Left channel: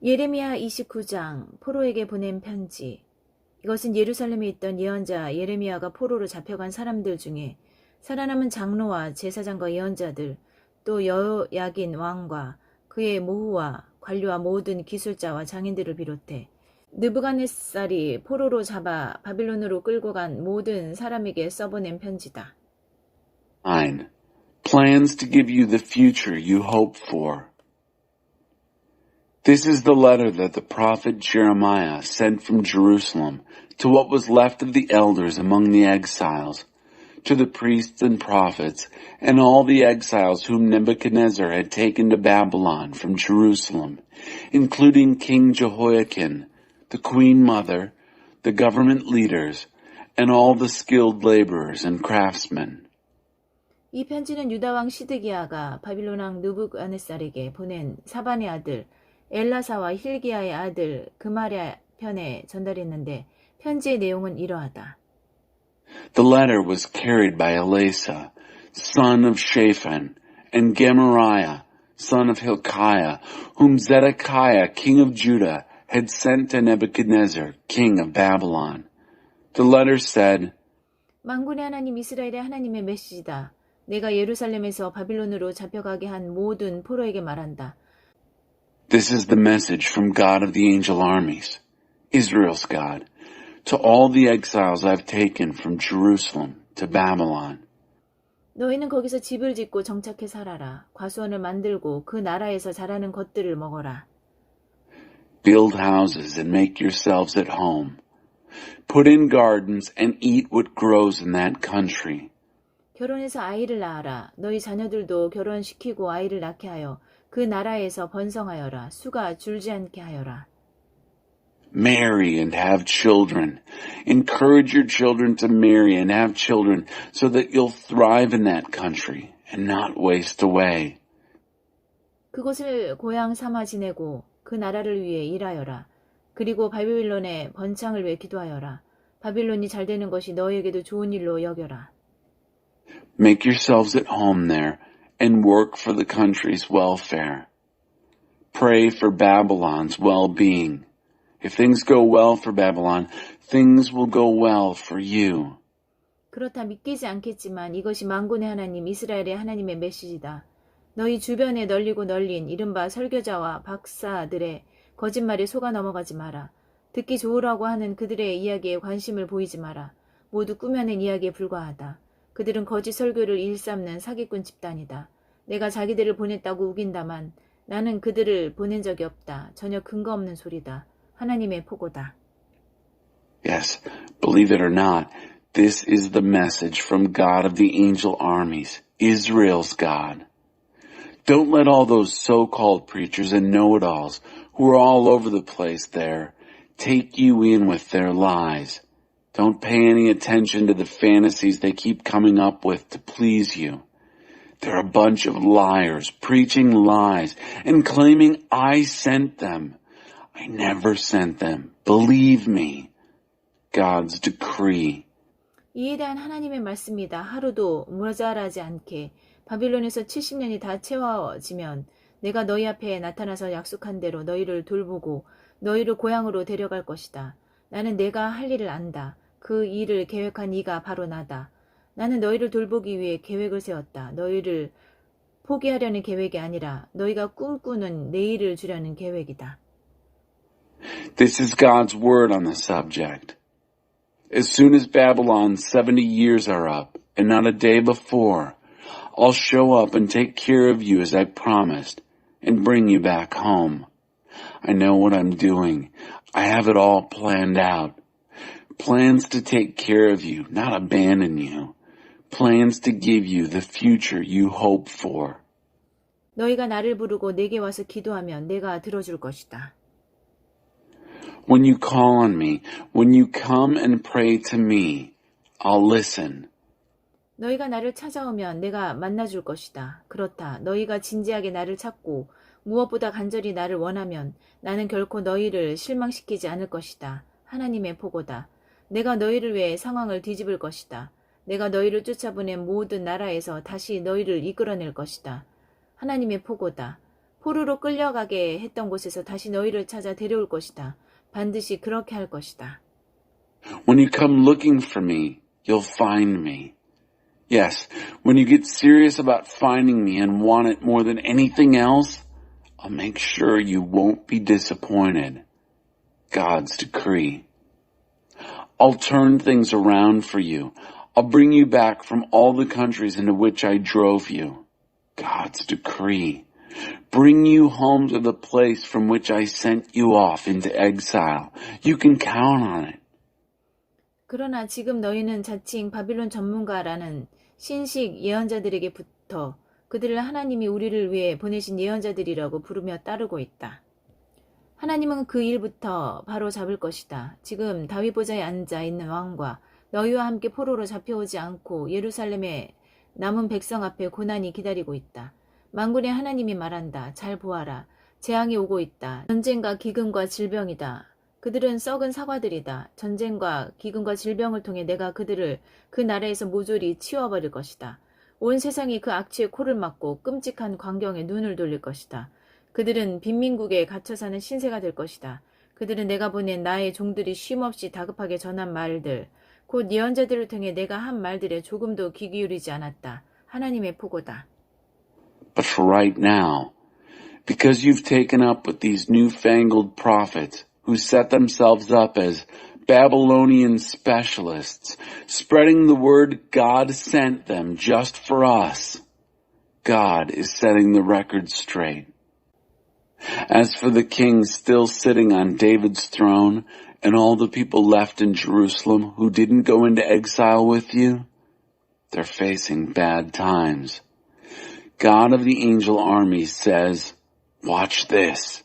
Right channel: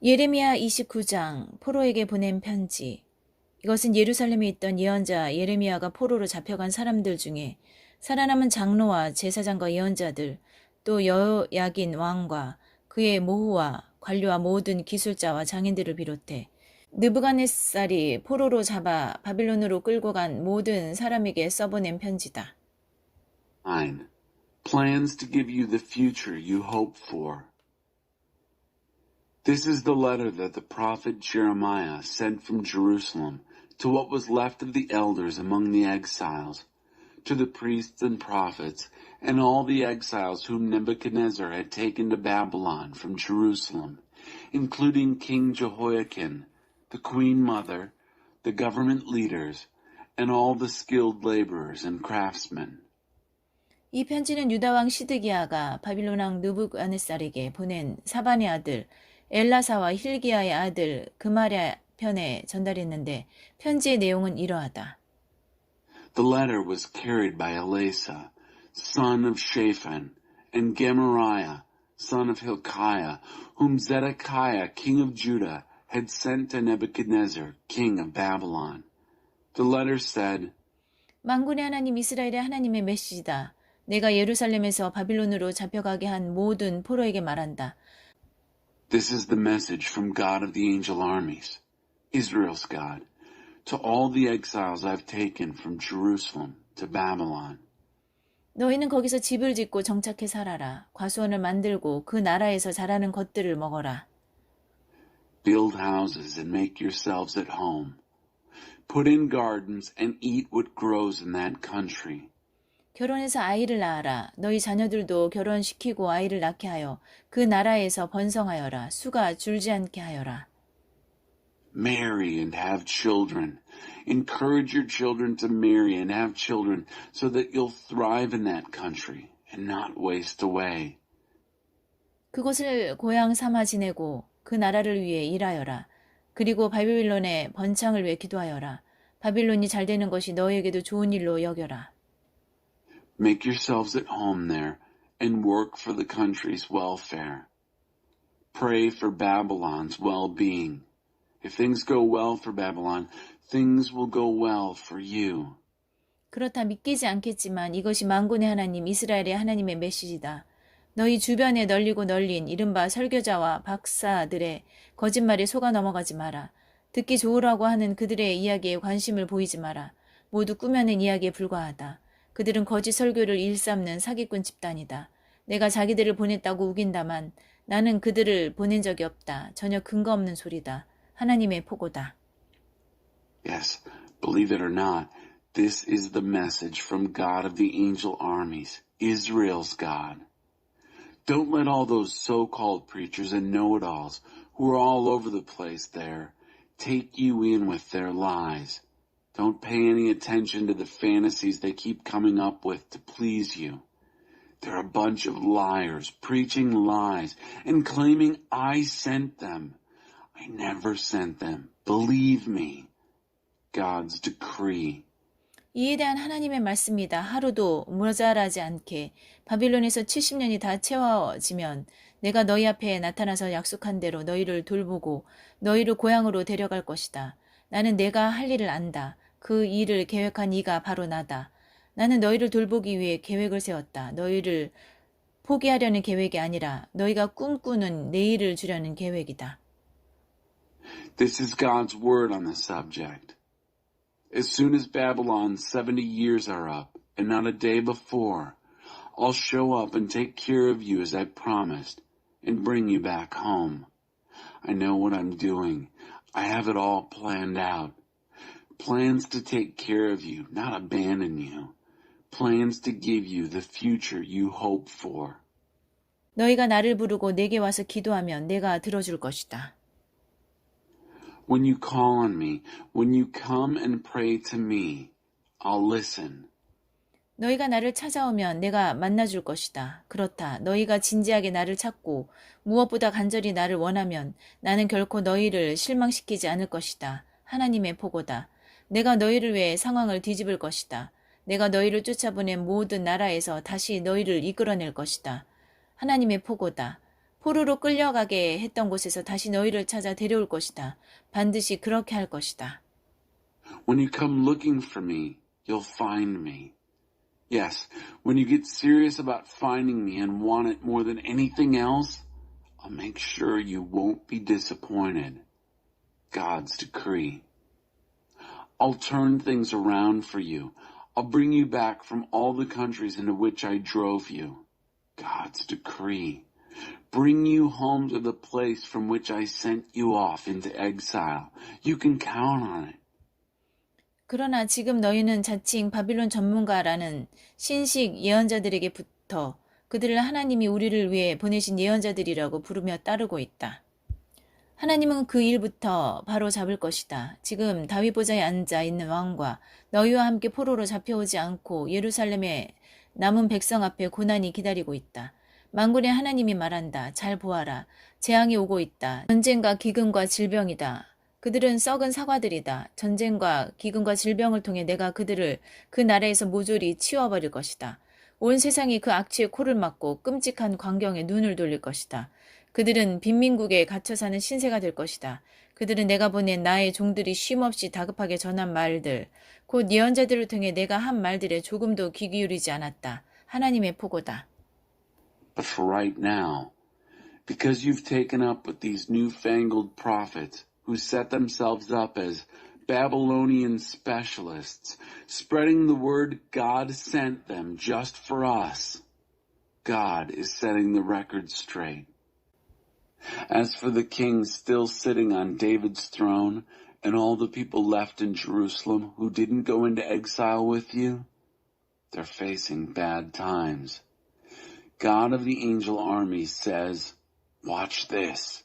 예레미야 29장 포로에게 보낸 편지. 이것은 예루살렘에 있던 예언자 예레미야가 포로로 잡혀간 사람들 중에 살아남은 장로와 제사장과 예언자들, 또 여호야긴 왕과 그의 모후와 관료와 모든 기술자와 장인들을 비롯해 느부갓네살이 포로로 잡아 바빌론으로 끌고 간 모든 사람에게 써보낸 편지다. 9. Plans to give you the future you hope for. This is the letter that the prophet Jeremiah sent from Jerusalem to what was left of the elders among the exiles, to the priests and prophets, and all the exiles whom Nebuchadnezzar had taken to Babylon from Jerusalem, including King Jehoiakim, the queen mother, the government leaders, and all the skilled laborers and craftsmen. 이 편지는 유다 왕 시드기야가 바빌론 왕 느부갓네살에게 보낸 사반의 아들 엘라사와 힐기야의 아들 그마랴 편에 전달했는데 편지의 내용은 이러하다. The letter was carried by Elasa, son of Shaphan, and Gemariah, son of Hilkiah, whom Zedekiah, king of Judah, had sent to Nebuchadnezzar, king of Babylon. The letter said, 만군의 하나님 이스라엘의 하나님의 메시지다. 내가 예루살렘에서 바빌론으로 잡혀가게 한 모든 포로에게 말한다. This is the message from God of the angel armies, Israel's God, to all the exiles I've taken from Jerusalem to Babylon. 너희는 거기서 집을 짓고 정착해 살아라. 과수원을 만들고 그 나라에서 자라는 것들을 먹어라. Build houses and make yourselves at home. Put in gardens and eat what grows in that country. 결혼해서 아이를 낳아라. 너희 자녀들도 결혼시키고 아이를 낳게 하여 그 나라에서 번성하여라. 수가 줄지 않게 하여라. Marry and have children. Encourage your children to marry and have children so that you'll thrive in that country and not waste away. 그곳을 고향 삼아 지내고 그 나라를 위해 일하여라. 그리고 바빌론의 번창을 위해 기도하여라. 바빌론이 잘 되는 것이 너희에게도 좋은 일로 여겨라. Make yourselves at home there and work for the country's welfare. Pray for Babylon's well-being. If things go well for Babylon, things will go well for you. 그렇다 믿기지 않겠지만 이것이 만군의 하나님 이스라엘의 하나님의 메시지다. 너희 주변에 널리고 널린 이른바 설교자와 박사들의 거짓말에 속아 넘어가지 마라. 듣기 좋으라고 하는 그들의 이야기에 관심을 보이지 마라. 모두 꾸며낸 이야기에 불과하다. 그들은 거짓 설교를 일삼는 사기꾼 집단이다. 내가 자기들을 보냈다고 우긴다만 나는 그들을 보낸 적이 없다. 전혀 근거 없는 소리다. 하나님의 포고다. Yes, believe it or not, this is the message from God of the angel armies, Israel's God. Don't let all those so-called preachers and know-it-alls who are all over the place there take you in with their lies. Don't pay any attention to the fantasies they keep coming up with to please you. They're a bunch of liars, preaching lies, and claiming I sent them. I never sent them. Believe me. God's decree. 이에 대한 하나님의 말씀이다. 하루도 모자라지 않게 바빌론에서 70년이 다 채워지면 내가 너희 앞에 나타나서 약속한 대로 너희를 돌보고 너희를 고향으로 데려갈 것이다. 나는 내가 할 일을 안다. 그 일을 계획한 이가 바로 나다. 나는 너희를 돌보기 위해 계획을 세웠다. 너희를 포기하려는 계획이 아니라 너희가 꿈꾸는 내일을 주려는 계획이다. This is God's word on the subject. As soon as Babylon's 70 years are up, and not a day before, I'll show up and take care of you as I promised, and bring you back home. I know what I'm doing. I have it all planned out. Plans to take care of you, not abandon you. Plans to give you the future you hope for. 너희가 나를 부르고 내게 와서 기도하면 내가 들어줄 것이다. When you call on me, when you come and pray to me, I'll listen. 너희가 나를 찾아오면 내가 만나줄 것이다. 그렇다. 너희가 진지하게 나를 찾고 무엇보다 간절히 나를 원하면 나는 결코 너희를 실망시키지 않을 것이다. 하나님의 포고다. 내가 너희를 위해 상황을 뒤집을 것이다. 내가 너희를 쫓아보낸 모든 나라에서 다시 너희를 이끌어낼 것이다. 하나님의 포고다. 포로로 끌려가게 했던 곳에서 다시 너희를 찾아 데려올 것이다. 반드시 그렇게 할 것이다. When you come looking for me, you'll find me. Yes, when you get serious about finding me and want it more than anything else, I'll make sure you won't be disappointed. God's decree. I'll turn things around for you. I'll bring you back from all the countries into which I drove you. God's decree. Bring you home to the place from which I sent you off into exile. You can count on it. 그러나 지금 너희는 자칭 바빌론 전문가라는 신식 예언자들에게부터 그들을 하나님이 우리를 위해 보내신 예언자들이라고 부르며 따르고 있다. 하나님은 그 일부터 바로 잡을 것이다. 지금 다윗 보좌에 앉아 있는 왕과 너희와 함께 포로로 잡혀오지 않고 예루살렘의 남은 백성 앞에 고난이 기다리고 있다. 만군의 하나님이 말한다. 잘 보아라. 재앙이 오고 있다. 전쟁과 기근과 질병이다. 그들은 썩은 사과들이다. 전쟁과 기근과 질병을 통해 내가 그들을 그 나라에서 모조리 치워버릴 것이다. 온 세상이 그 악취의 코를 막고 끔찍한 광경에 눈을 돌릴 것이다. 그들은 빈민국에 갇혀 사는 신세가 될 것이다. 그들은 내가 보낸 나의 종들이 쉼없이 다급하게 전한 말들, 곧 예언자들을 통해 내가 한 말들에 조금도 귀 기울이지 않았다. 하나님의 포고다. But for right now, because you've taken up with these newfangled prophets who set themselves up as Babylonian specialists, spreading the word God sent them just for us, God is setting the record straight. As for the king still sitting on David's throne and all the people left in Jerusalem who didn't go into exile with you, they're facing bad times. God of the angel armies says, watch this.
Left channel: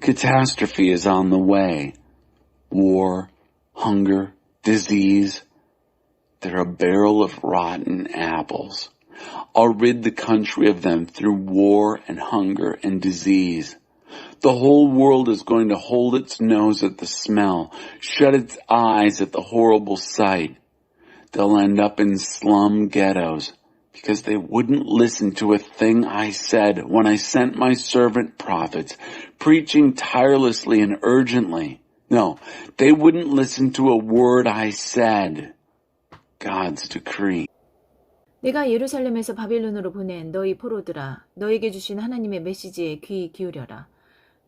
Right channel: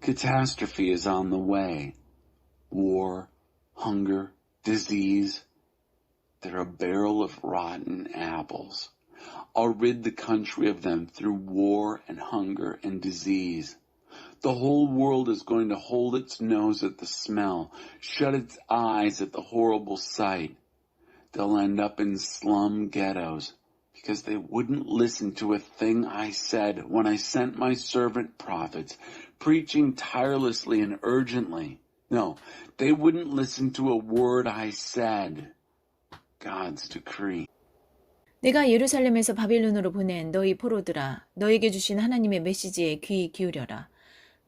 Catastrophe is on the way. War, hunger, disease. They're a barrel of rotten apples. I'll rid the country of them through war and hunger and disease. The whole world is going to hold its nose at the smell, shut its eyes at the horrible sight. They'll end up in slum ghettos because they wouldn't listen to a thing I said when I sent my servant prophets, preaching tirelessly and urgently. No, they wouldn't listen to a word I said. God's decree. 내가 예루살렘에서 바빌론으로 보낸 너희 포로들아, 너에게 주신 하나님의 메시지에 귀 기울여라.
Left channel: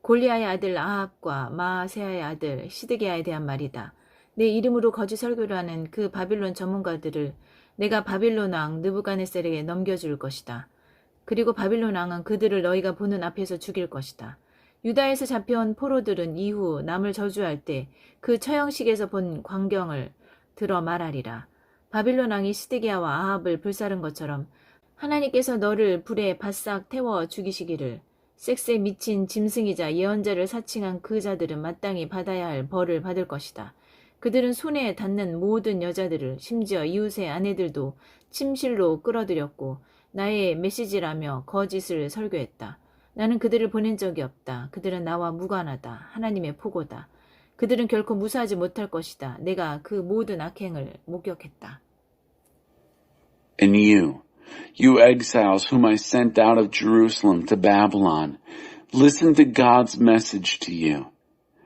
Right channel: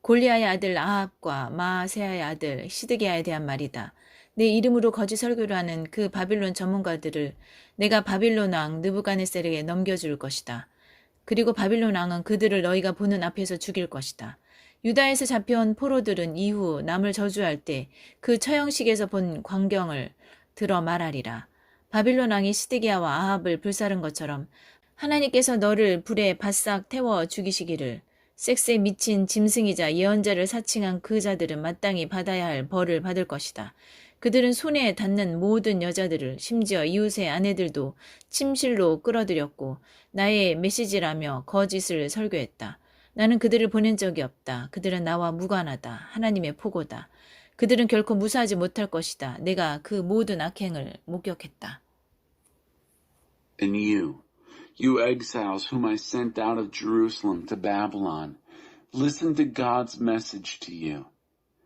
골리아의 아들 아합과 마아세아의 아들 시드기야에 대한 말이다. 내 이름으로 거짓 설교를 하는 그 바빌론 전문가들을 내가 바빌론 왕 느부갓네살에게 넘겨줄 것이다. 그리고 바빌론 왕은 그들을 너희가 보는 앞에서 죽일 것이다. 유다에서 잡혀온 포로들은 이후 남을 저주할 때 그 처형식에서 본 광경을 들어 말하리라. 바빌론 왕이 시드기야와 아합을 불사른 것처럼 하나님께서 너를 불에 바싹 태워 죽이시기를. 섹스에 미친 짐승이자 예언자를 사칭한 그 자들은 마땅히 받아야 할 벌을 받을 것이다. 그들은 손에 닿는 모든 여자들을 심지어 이웃의 아내들도 침실로 끌어들였고 나의 메시지라며 거짓을 설교했다. 나는 그들을 보낸 적이 없다. 그들은 나와 무관하다. 하나님의 포고다. 그들은 결코 무사하지 못할 것이다. 내가 그 모든 악행을 목격했다. And you exiles whom I sent out of Jerusalem to Babylon, listen to God's message to you.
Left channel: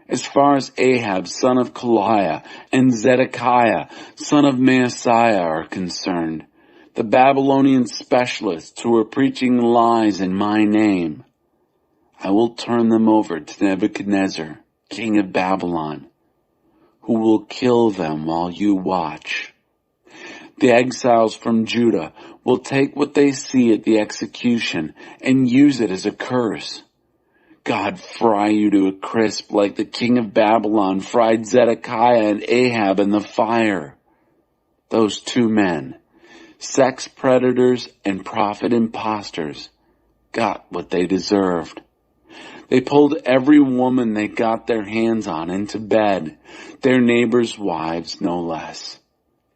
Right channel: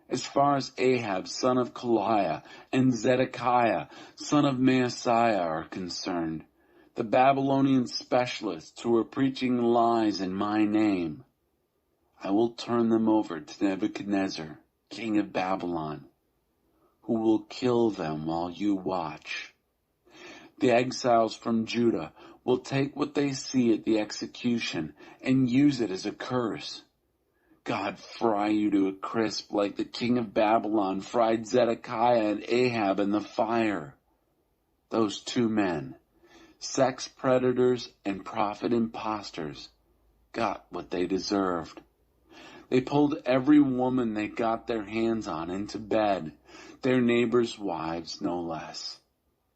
As far as Ahab, son of Koliah, and Zedekiah, son of Maaseiah are concerned, the Babylonian specialists who are preaching lies in my name, I will turn them over to Nebuchadnezzar, king of Babylon, who will kill them while you watch. The exiles from Judah will take what they see at the execution and use it as a curse. God fry you to a crisp like the king of Babylon fried Zedekiah and Ahab in the fire. Those two men, sex predators and prophet impostors, got what they deserved. They pulled every woman they got their hands on into bed, their neighbors' wives no less,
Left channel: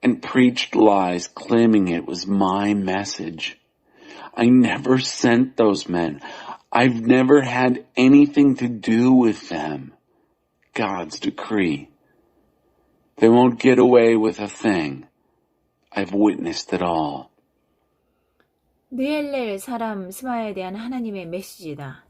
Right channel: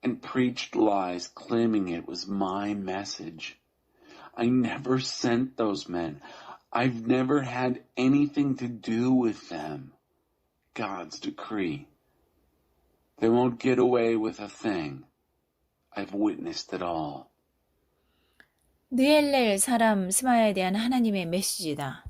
and preached lies claiming it was my message. I never sent those men. I've never had anything to do with them. God's decree. They won't get away with a thing. I've witnessed it all. 느엘렐 사람 스마야에 대한 하나님의 메시지다.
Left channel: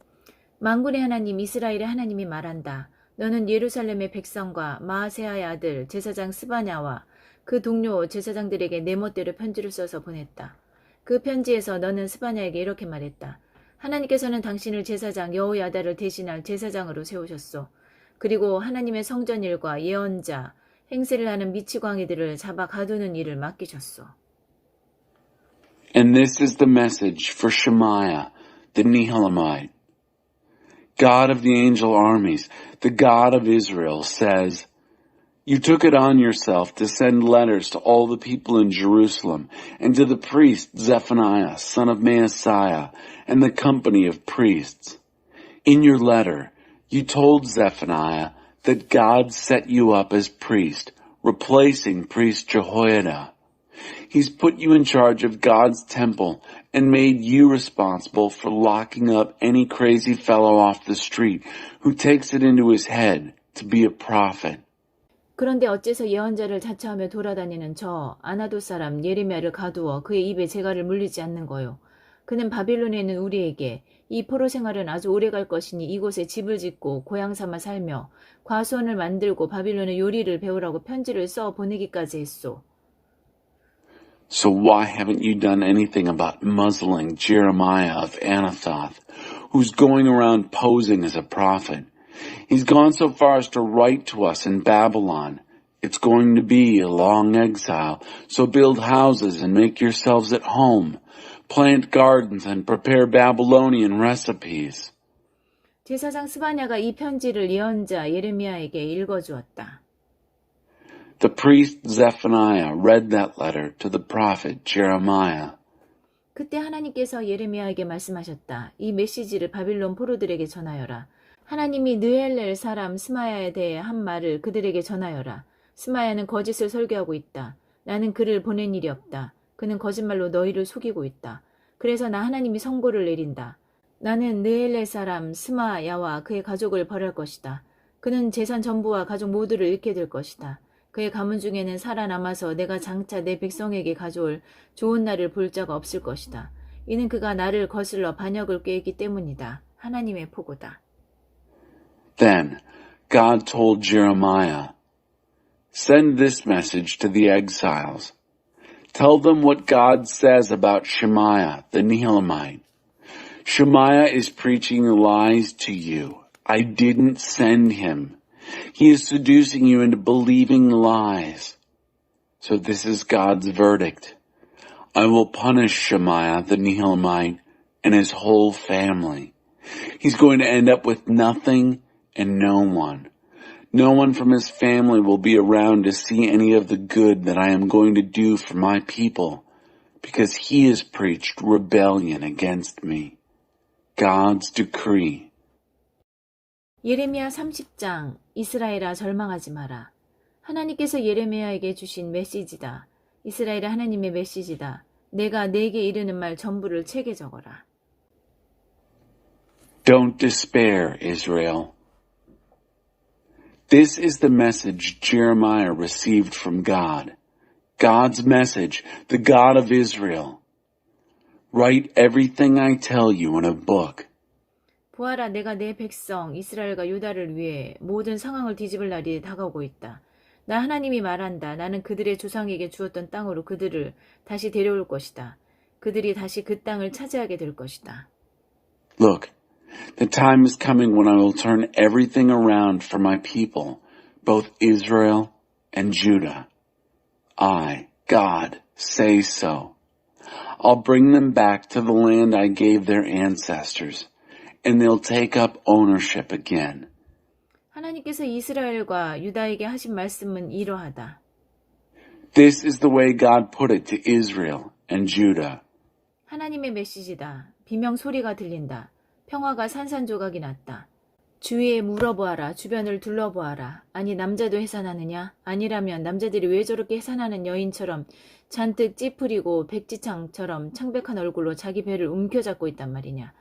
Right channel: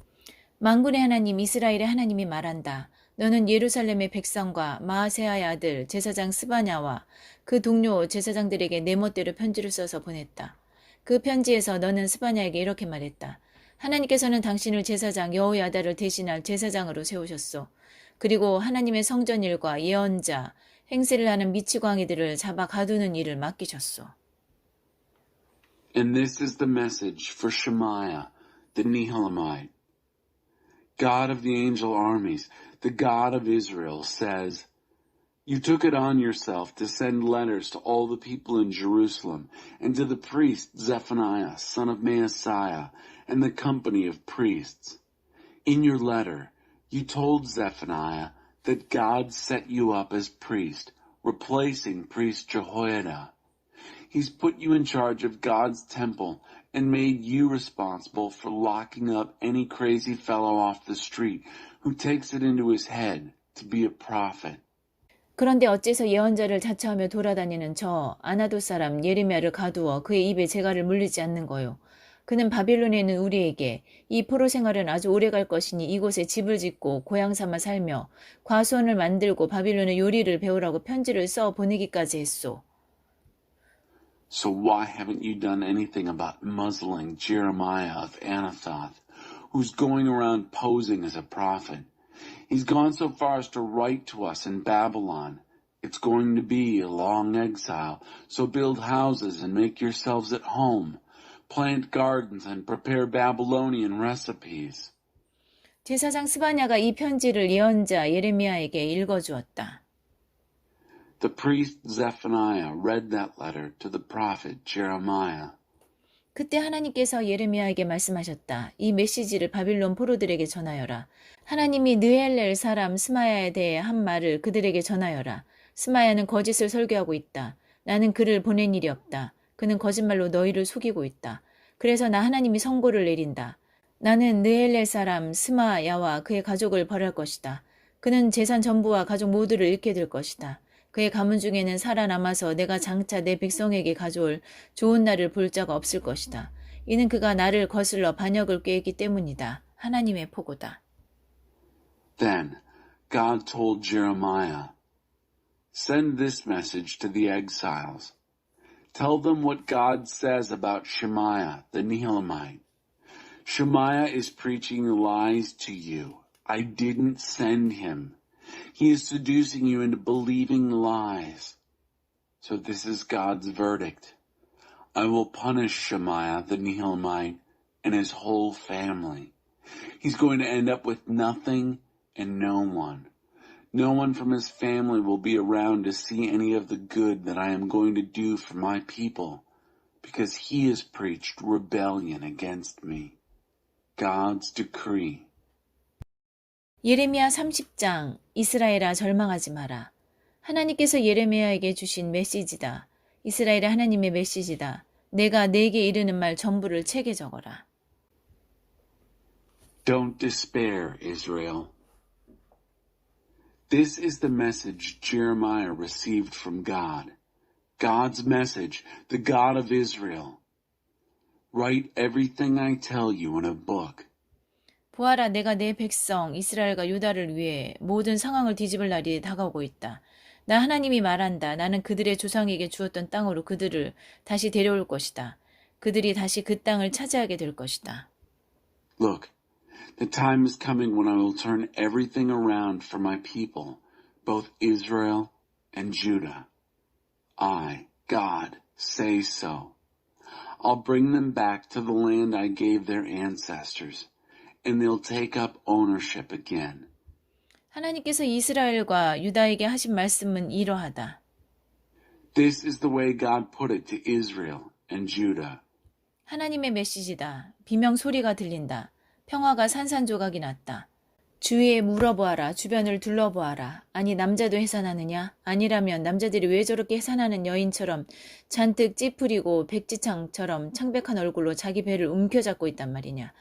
만군의 하나님 이스라엘의 하나님이 말한다. 너는 예루살렘의 백성과 마아세아의 아들 제사장 스바냐와 그 동료 제사장들에게 내 멋대로 편지를 써서 보냈다. 그 편지에서 너는 스바냐에게 이렇게 말했다. 하나님께서는 당신을 제사장 여호야다를 대신할 제사장으로 세우셨소. 그리고 하나님의 성전 일과 예언자, 행세를 하는 미치광이들을 잡아 가두는 일을 맡기셨소. And this is the message for Shemaiah, the Nehelamite. God of the angel armies, the God of Israel, says, You took it on yourself to send letters to all the people in Jerusalem and to the priest Zephaniah, son of Maaseiah, and the company of priests. In your letter, you told Zephaniah that God set you up as priest, replacing priest Jehoiada. He's put you in charge of God's temple and made you responsible for locking up any crazy fellow off the street who takes it into his head to be a prophet. 그런데 어째서 예언자를 자처하며 돌아다니는 저 아나도 사람 예레미야를 가두어 그의 입에 재갈을 물리지 않는 거요. 그는 바빌론에 있는 우리에게 이 포로 생활은 아주 오래 갈 것이니 이곳에 집을 짓고 고향 삼아 살며 과수원을 만들고 바빌론의 요리를 배우라고 편지를 써 보내기까지 했소. So why haven't you done anything about muzzling Jeremiah of Anathoth, who's going around posing as a prophet? He's gone so far as to write to us in Babylon. It's going to be a long exile, so build houses and make yourselves at home. Plant gardens and prepare Babylonian recipes. 제사장 스바냐가 이 편지를 예언자 예레미야에게 읽어주었다. The priest Zephaniah read that letter to the prophet Jeremiah. 그때 하나님께서 예레미야에게 말씀하셨다. 이 메시지를 바빌론 포로들에게 전하여라. 하나님이 느헬렐 사람 스마야에 대해 한 말을 그들에게 전하여라. 스마야는 거짓을 설교하고 있다. 나는 그를 보낸 일이 없다. 그는 거짓말로 너희를 속이고 있다. 그래서 나 하나님이 선고를 내린다. 나는 느헬렐 사람 스마야와 그의 가족을 벌할 것이다. 그는 재산 전부와 가족 모두를 잃게 될 것이다. 그의 가문 중에는 살아남아서 내가 장차 내 백성에게 가져올 좋은 날을 볼 자가 없을 것이다. 이는 그가 나를 거슬러 반역을 꾀했기 때문이다. 하나님의 포고다. Then God told Jeremiah, Send this message to the exiles. Tell them what God says about Shemaiah, the Nehelamite. Shemaiah is preaching lies to you. I didn't send him. He is seducing you into believing lies. So this is God's verdict. I will punish Shemaiah, the Nehelamite, and his whole family. He's going to end up with nothing and no one. No one from his family will be around to see any of the good that I am going to do for my people, because he has preached rebellion against me. God's decree. 예레미야 30장 이스라엘아 절망하지 마라. 하나님께서 예레미야에게 주신 메시지다. 이스라엘의 하나님의 메시지다. 내가 내게 이르는 말 전부를 책에 적어라. Don't despair, Israel. This is the message Jeremiah received from God. God's message, the God of Israel. Write everything I tell you in a book. 보아라, 내가 내 백성 이스라엘과 유다를 위해 모든 상황을 뒤집을 날이 다가오고 있다. 나 하나님이 말한다. 나는 그들의 조상에게 주었던 땅으로 그들을 다시 데려올 것이다. 그들이 다시 그 땅을 차지하게 될 것이다. Look, the time is coming when I will turn everything around for my people, both Israel and Judah. I, God, say so. I'll bring them back to the land I gave their ancestors. And they'll take up ownership again. 하나님께서 이스라엘과 유다에게 하신 말씀은 이러하다. This is the way God put it to Israel and Judah. 하나님의 메시지다. 비명 소리가 들린다. 평화가 산산조각이 났다. 주위에 물어보아라. 주변을 둘러보아라. 아니 남자도 해산하느냐? 아니라면 남자들이 왜 저렇게 해산하는 여인처럼 잔뜩 찌푸리고 백지창처럼 창백한 얼굴로 자기 배를 움켜잡고 있단 말이냐?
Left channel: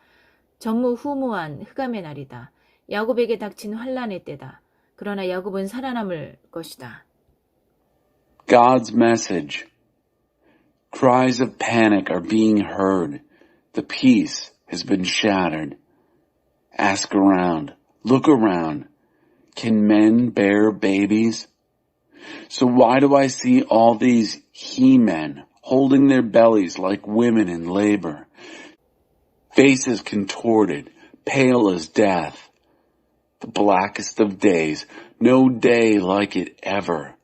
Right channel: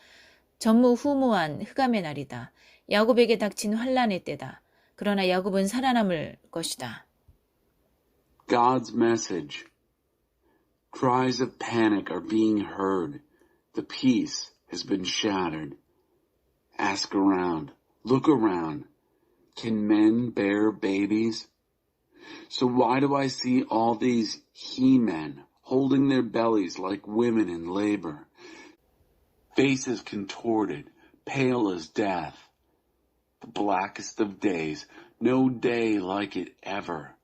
전무후무한 흑암의 날이다. 야곱에게 닥친 환란의 때다. 그러나 야곱은 살아남을 것이다. God's message. Cries of panic are being heard. The peace has been shattered. Ask around. Look around. Can men bear babies? So why do I see all these he-men holding their bellies like women in labor? Faces contorted, pale as death. The blackest of days, no day like it ever.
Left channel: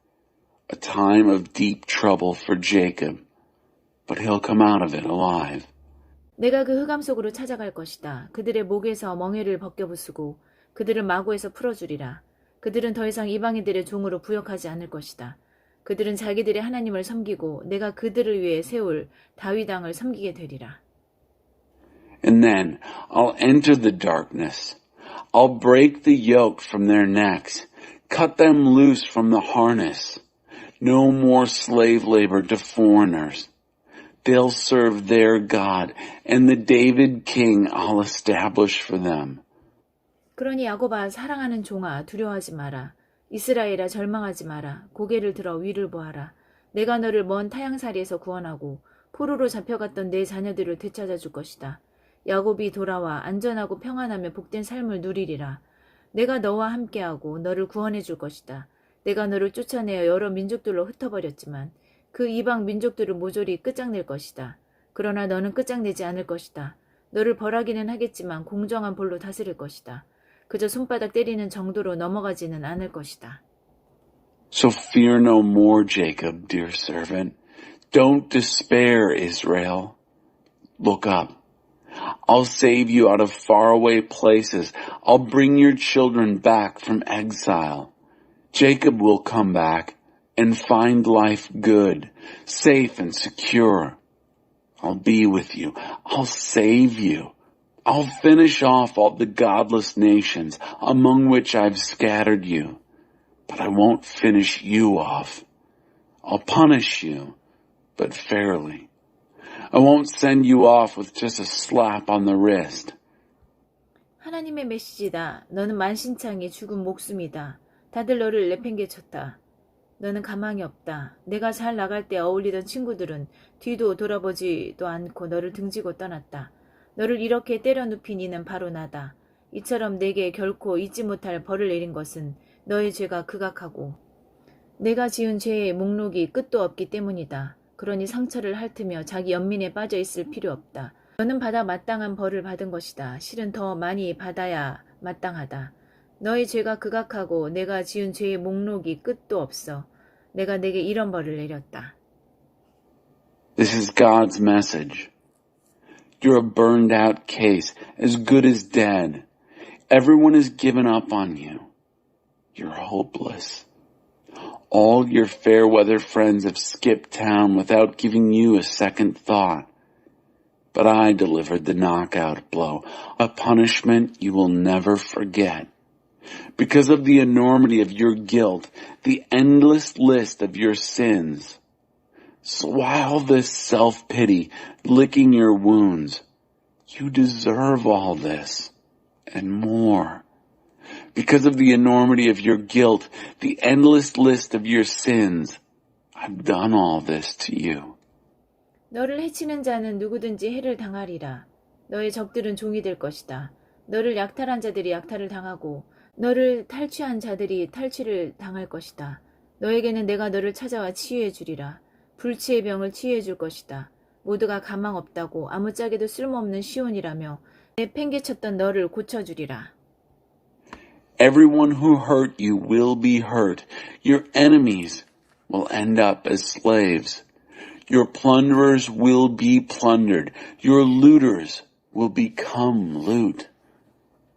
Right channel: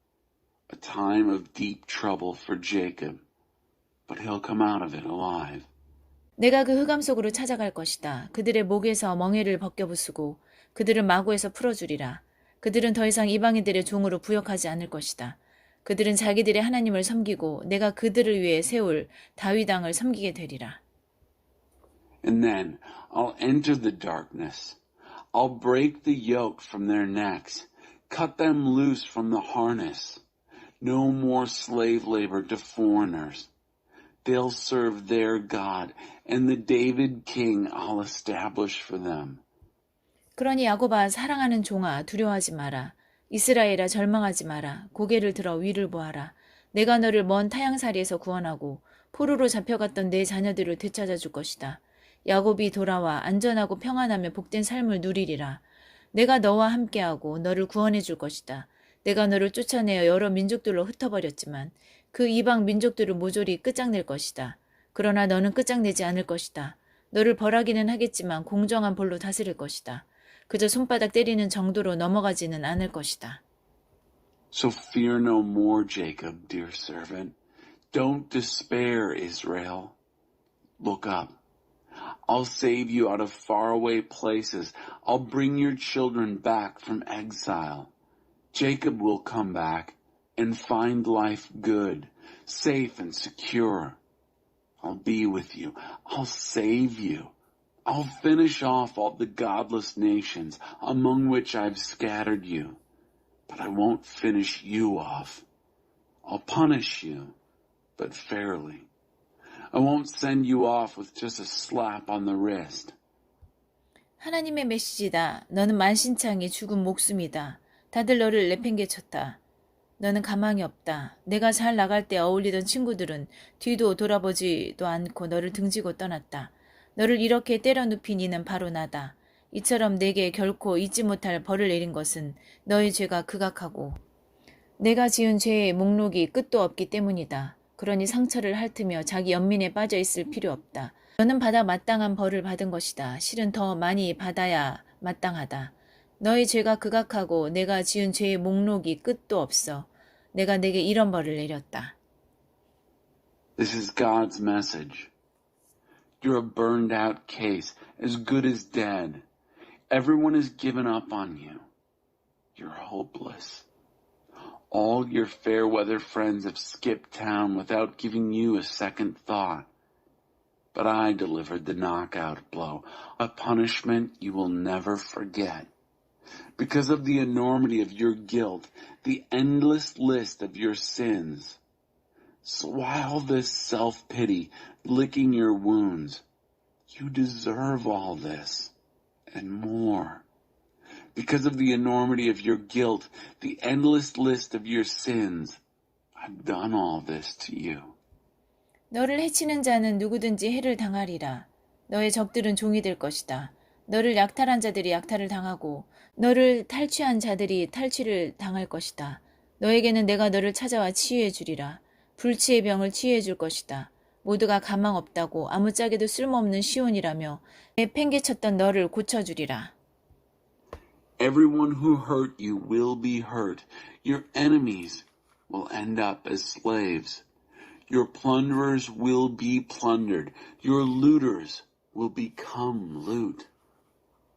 A time of deep trouble for Jacob, but he'll come out of it alive. 내가 그 흑암 속으로 찾아갈 것이다. 그들의 목에서 멍에를 벗겨부수고 그들을 마구에서 풀어주리라. 그들은 더 이상 이방인들의 종으로 부역하지 않을 것이다. 그들은 자기들의 하나님을 섬기고 내가 그들을 위해 세울 다윗 왕을 섬기게 되리라. And then I'll enter the darkness. I'll break the yoke from their necks, cut them loose from the harness. No more slave labor to foreigners. They'll serve their God, and the David king I'll establish for them. 그러니 야곱아 사랑하는 종아 두려워하지 마라. 이스라엘아 절망하지 마라. 고개를 들어 위를 보아라. 내가 너를 먼 타향살이에서 구원하고 포로로 잡혀갔던 내 자녀들을 되찾아 줄 것이다. 야곱이 돌아와 안전하고 평안하며 복된 삶을 누리리라. 내가 너와 함께하고 너를 구원해 줄 것이다. 내가 너를 쫓아내어 여러 민족들로 흩어버렸지만 그 이방 민족들을 모조리 끝장낼 것이다. 그러나 너는 끝장내지 않을 것이다. 너를 벌하기는 하겠지만 공정한 벌로 다스릴 것이다. 그저 손바닥 때리는 정도로 넘어가지는 않을 것이다. So fear no more, Jacob, dear servant. Don't despair, Israel. Look up. I'll save you out of faraway places. I'll bring your children back from exile. Jacob will come back and find life good, safe and secure. I'll be with you. I'll save you. I'll finish off all the godless nations among which I've scattered you. But I won't finish you off. I'll punish you, but fairly. I won't send you off with just a slap on the wrist. 하나님의 메시지다. 너는 만신창이 죽은 목숨이다. 다들 너를 내팽개쳤다. 너는 가망이 없다. 내가 잘 나갈 때 어울리던 친구들은 뒤도 돌아보지도 않고 너를 등지고 떠났다. 너를 이렇게 때려 눕힌 이는 바로 나다. 이처럼 내게 결코 잊지 못할 벌을 내린 것은 너의 죄가 극악하고 내가 지은 죄의 목록이 끝도 없기 때문이다. 그러니 상처를 핥으며 자기 연민에 빠져 있을 필요 없다. 너는 받아 마땅한 벌을 받은 것이다. 실은 더 많이 받아야 마땅하다. 너의 죄가 극악하고 내가 지은 죄의 목록이 끝도 없어. 내가 내게 이런 벌을 내렸다. This is God's message. You're a burned out case, as good as dead. Everyone has given up on you. You're hopeless. All your fair weather friends have skipped town without giving you a second thought. But I delivered the knockout blow, a punishment you will never forget. Because of the enormity of your guilt, the endless list of your sins. So why all this self-pity, licking your wounds? You deserve all this, and more. Because of the enormity of your guilt, the endless list of your sins, I've done all this to you. 너를 해치는 자는 누구든지 해를 당하리라. 너의 적들은 종이 될 것이다. 너를 약탈한 자들이 약탈을 당하고 너를 탈취한 자들이 탈취를 당할 것이다. 너에게는 내가 너를 찾아와 치유해 주리라. 불치의 병을 치유해 줄 것이다. 모두가 가망 없다고 아무짝에도 쓸모없는 시온이라며 내팽개쳤던 너를 고쳐주리라. Everyone who hurt you will be hurt. Your enemies will end up as slaves. Your plunderers will be plundered. Your looters will become loot.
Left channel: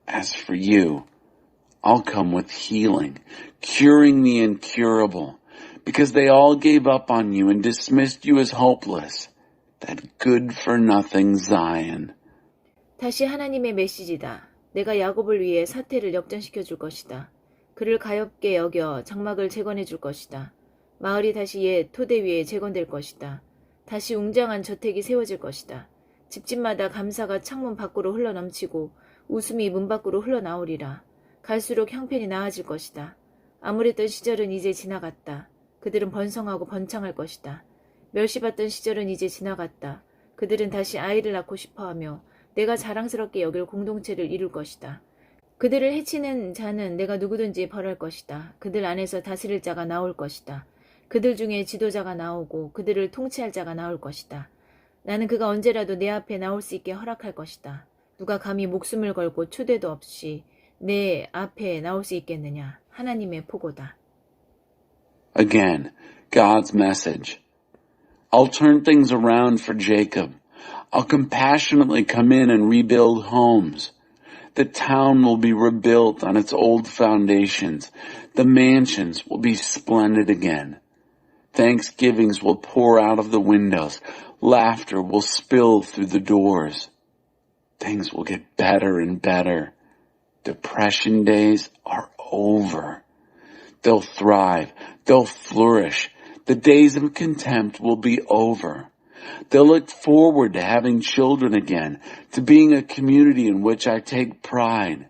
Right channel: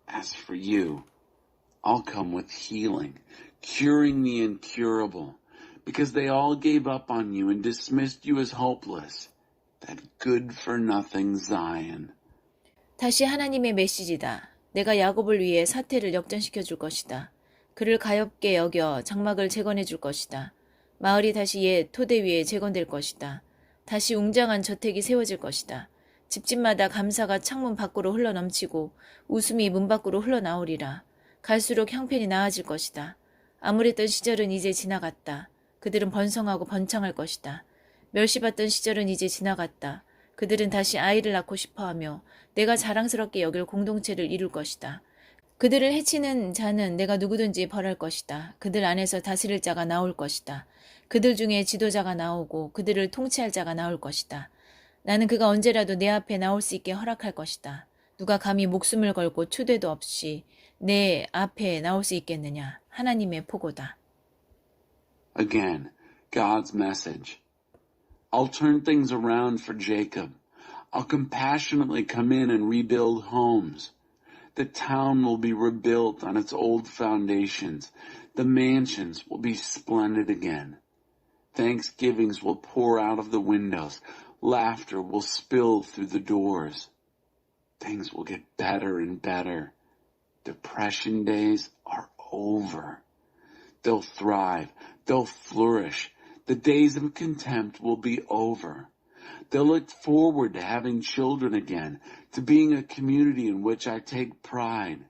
As for you, I'll come with healing, curing the incurable, because they all gave up on you and dismissed you as hopeless. That good-for-nothing Zion. 다시 하나님의 메시지다. 내가 야곱을 위해 사태를 역전시켜 줄 것이다. 그를 가엾게 여겨 장막을 재건해 줄 것이다. 마을이 다시 옛 토대 위에 재건될 것이다. 다시 웅장한 저택이 세워질 것이다. 집집마다 감사가 창문 밖으로 흘러넘치고 웃음이 문 밖으로 흘러나오리라. 갈수록 형편이 나아질 것이다. 암울했던 시절은 이제 지나갔다. 그들은 번성하고 번창할 것이다. 멸시받던 시절은 이제 지나갔다. 그들은 다시 아이를 낳고 싶어하며 내가 자랑스럽게 여길 공동체를 이룰 것이다. 그들을 해치는 자는 내가 누구든지 벌할 것이다. 그들 안에서 다스릴 자가 나올 것이다. 그들 중에 지도자가 나오고 그들을 통치할 자가 나올 것이다. 나는 그가 언제라도 내 앞에 나올 수 있게 허락할 것이다. 누가 감히 목숨을 걸고 초대도 없이 내 앞에 나올 수 있겠느냐. 하나님의 포고다. Again, God's message. I'll turn things around for Jacob. I'll compassionately come in and rebuild homes. The town will be rebuilt on its old foundations. The mansions will be splendid again. Thanksgivings will pour out of the windows. Laughter will spill through the doors. Things will get better and better. Depression days are over. They'll thrive. They'll flourish. The days of contempt will be over. They'll look forward to having children again, to being a community in which I take pride.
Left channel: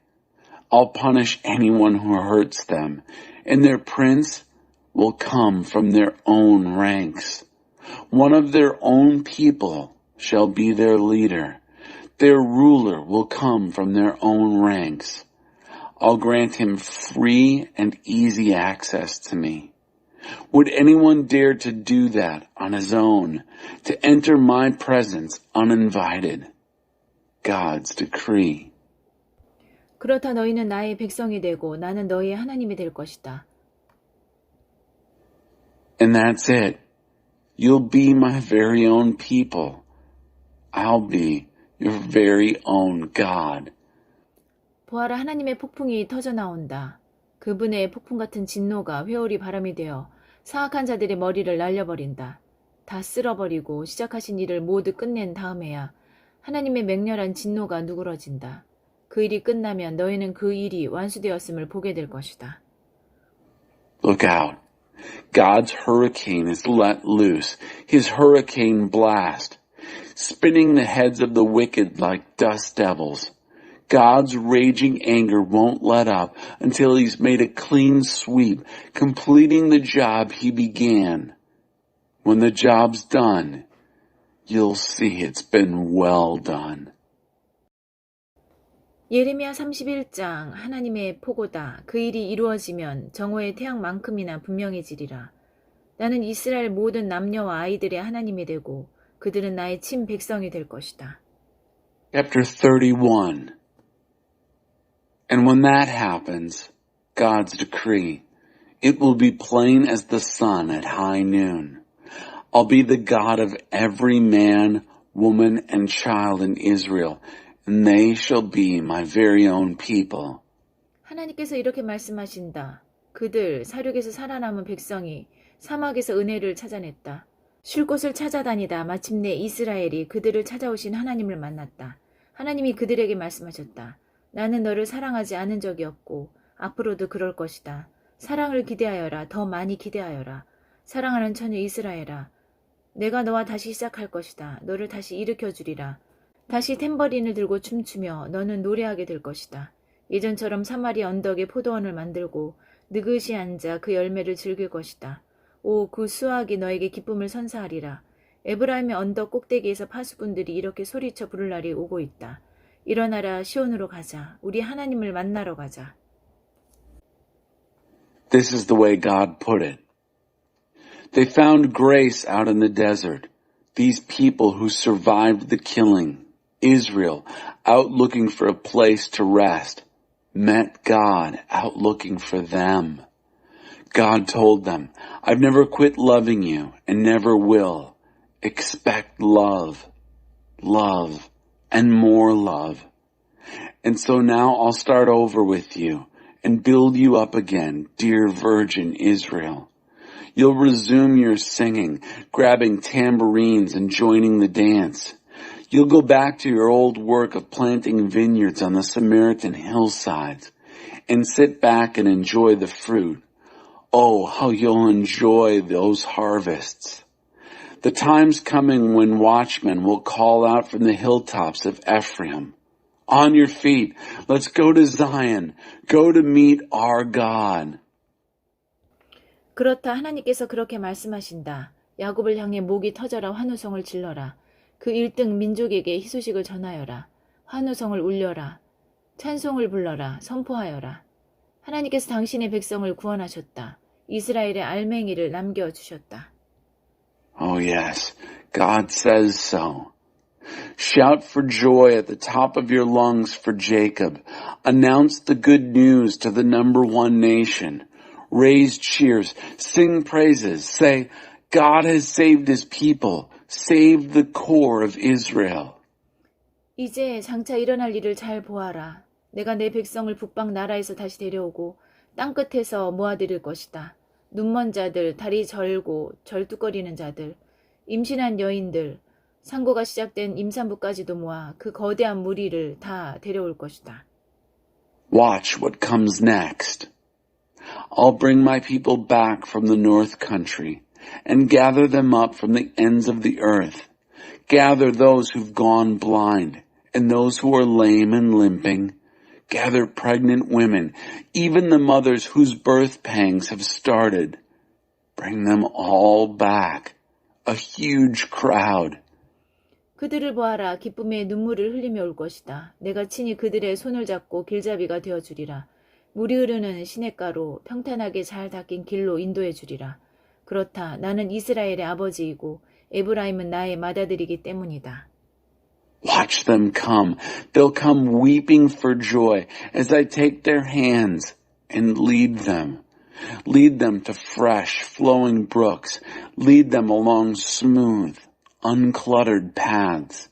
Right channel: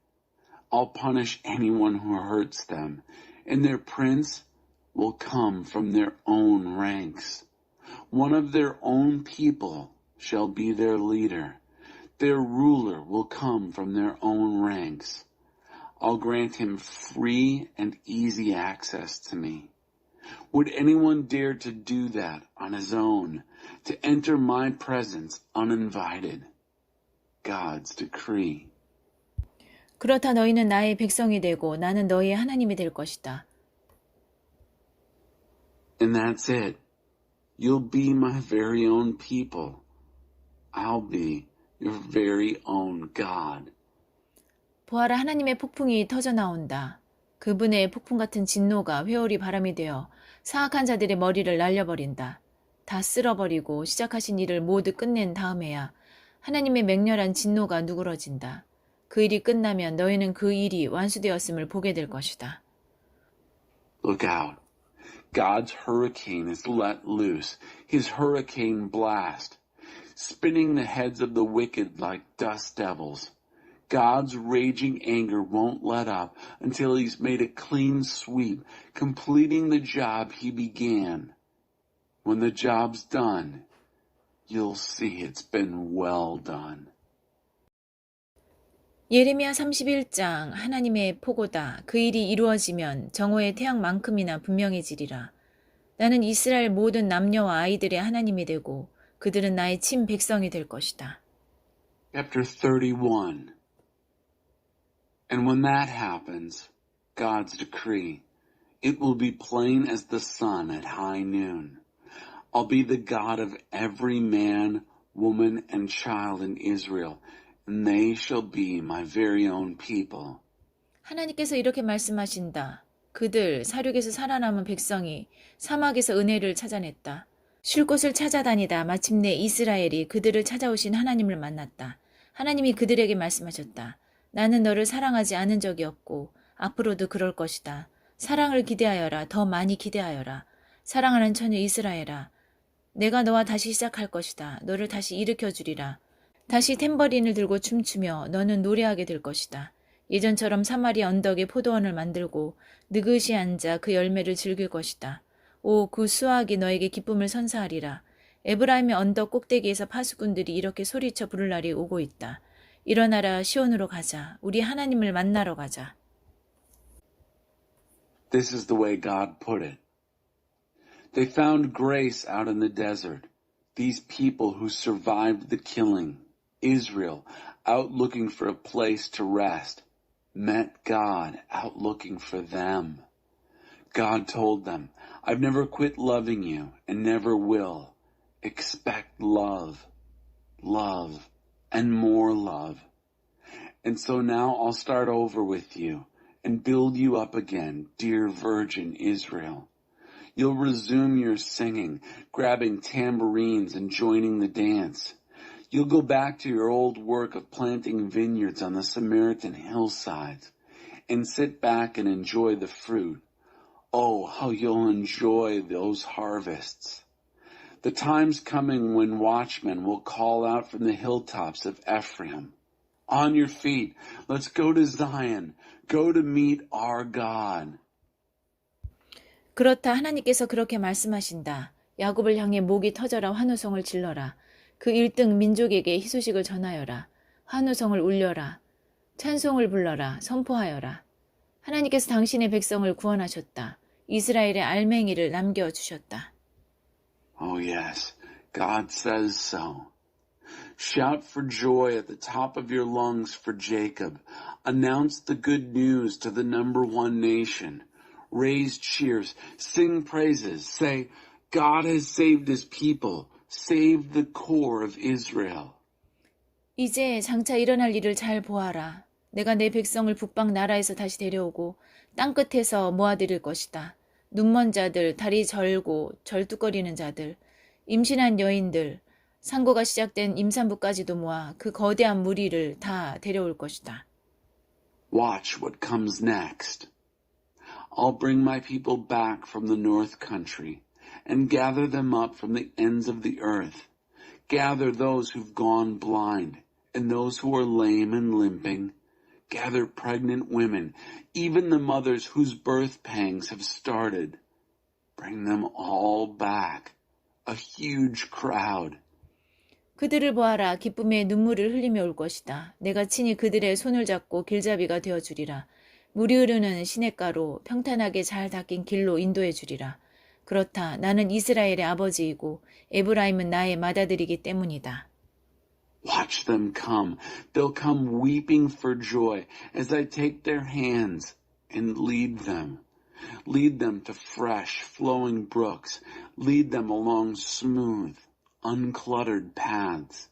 I'll punish anyone who hurts them, and their prince will come from their own ranks. One of their own people shall be their leader. Their ruler will come from their own ranks. I'll grant him free and easy access to me. Would anyone dare to do that on his own, to enter my presence uninvited? God's decree. 그렇다 너희는 나의 백성이 되고 나는 너희의 하나님이 될 것이다. And that's it. You'll be my very own people. I'll be your very own God. 보아라 하나님의 폭풍이 터져나온다. 그분의 폭풍 같은 진노가 회오리 바람이 되어 사악한 자들의 머리를 날려버린다. 다 쓸어버리고 시작하신 일을 모두 끝낸 다음에야 하나님의 맹렬한 진노가 누그러진다. 그 일이 끝나면 너희는 그 일이 완수되었음을 보게 될 것이다. Look out. God's hurricane is let loose, his hurricane blast, spinning the heads of the wicked like dust devils. God's raging anger won't let up until he's made a clean sweep, completing the job he began. When the job's done, you'll see it's been well done. 예레미야 31장 하나님의 포고다. 그 일이 이루어지면 정오의 태양만큼이나 분명해지리라. 나는 이스라엘 모든 남녀와 아이들의 하나님이 되고 그들은 나의 친 백성이 될 것이다. Chapter 31. And when that happens, God's decree, it will be plain as the sun at high noon. I'll be the God of every man, woman, and child in Israel, and they shall be my very own people. 하나님께서 이렇게 말씀하신다. 그들 사륙에서 살아남은 백성이 사막에서 은혜를 찾아냈다. 쉴 곳을 찾아다니다 마침내 이스라엘이 그들을 찾아오신 하나님을 만났다. 하나님이 그들에게 말씀하셨다. 나는 너를 사랑하지 않은 적이 없고 앞으로도 그럴 것이다. 사랑을 기대하여라. 더 많이 기대하여라. 사랑하는 처녀 이스라엘아. 내가 너와 다시 시작할 것이다. 너를 다시 일으켜주리라. 다시 탬버린을 들고 춤추며 너는 노래하게 될 것이다. 예전처럼 사마리아 언덕에 포도원을 만들고 느긋이 앉아 그 열매를 즐길 것이다. 오, 그 수확이 너에게 기쁨을 선사하리라. 에브라임의 언덕 꼭대기에서 파수꾼들이 이렇게 소리쳐 부를 날이 오고 있다. 일어나라 시온으로 가자. 우리 하나님을 만나러 가자. This is the way God put it. They found grace out in the desert. These people who survived the killing, Israel, out looking for a place to rest, met God out looking for them. God told them, I've never quit loving you and never will. Expect love, love, and more love. And so now I'll start over with you and build you up again, dear virgin Israel. You'll resume your singing, grabbing tambourines and joining the dance. You'll go back to your old work of planting vineyards on the Samaritan hillsides and sit back and enjoy the fruit. Oh, how you'll enjoy those harvests. The time's coming when watchmen will call out from the hilltops of Ephraim, on your feet, let's go to Zion, go to meet our God. 그렇다 하나님께서 그렇게 말씀하신다. 야곱을 향해 목이 터져라 환호성을 질러라. 그 1등 민족에게 희소식을 전하여라. 환호성을 울려라. 찬송을 불러라, 선포하여라. 하나님께서 당신의 백성을 구원하셨다. 이스라엘의 알맹이를 남겨주셨다. Oh yes, God says so. Shout for joy at the top of your lungs for Jacob. Announce the good news to the number one nation. Raise cheers, sing praises, say, God has saved his people, saved the core of Israel. 이제 장차 일어날 일을 잘 보아라. 내가 내 백성을 북방 나라에서 다시 데려오고 땅끝에서 모아드릴 것이다. 눈먼 자들, 다리 절고 절뚝거리는 자들, 임신한 여인들, 상고가 시작된 임산부까지도 모아 그 거대한 무리를 다 데려올 것이다. Watch what comes next. I'll bring my people back from the north country and gather them up from the ends of the earth. Gather those who've gone blind and those who are lame and limping. Gather pregnant women, even the mothers whose birth pangs have started. Bring them all back, a huge crowd. 그들을 보아라. 기쁨의 눈물을 흘리며 올 것이다. 내가 친히 그들의 손을 잡고 길잡이가 되어주리라. 물이 흐르는 시냇가로 평탄하게 잘 닦인 길로 인도해 주리라. 그렇다. 나는 이스라엘의 아버지이고 에브라임은 나의 맏아들이기 때문이다. Watch them come. They'll come weeping for joy as I take their hands and lead them. Lead them to fresh, flowing brooks. Lead them along smooth, uncluttered paths.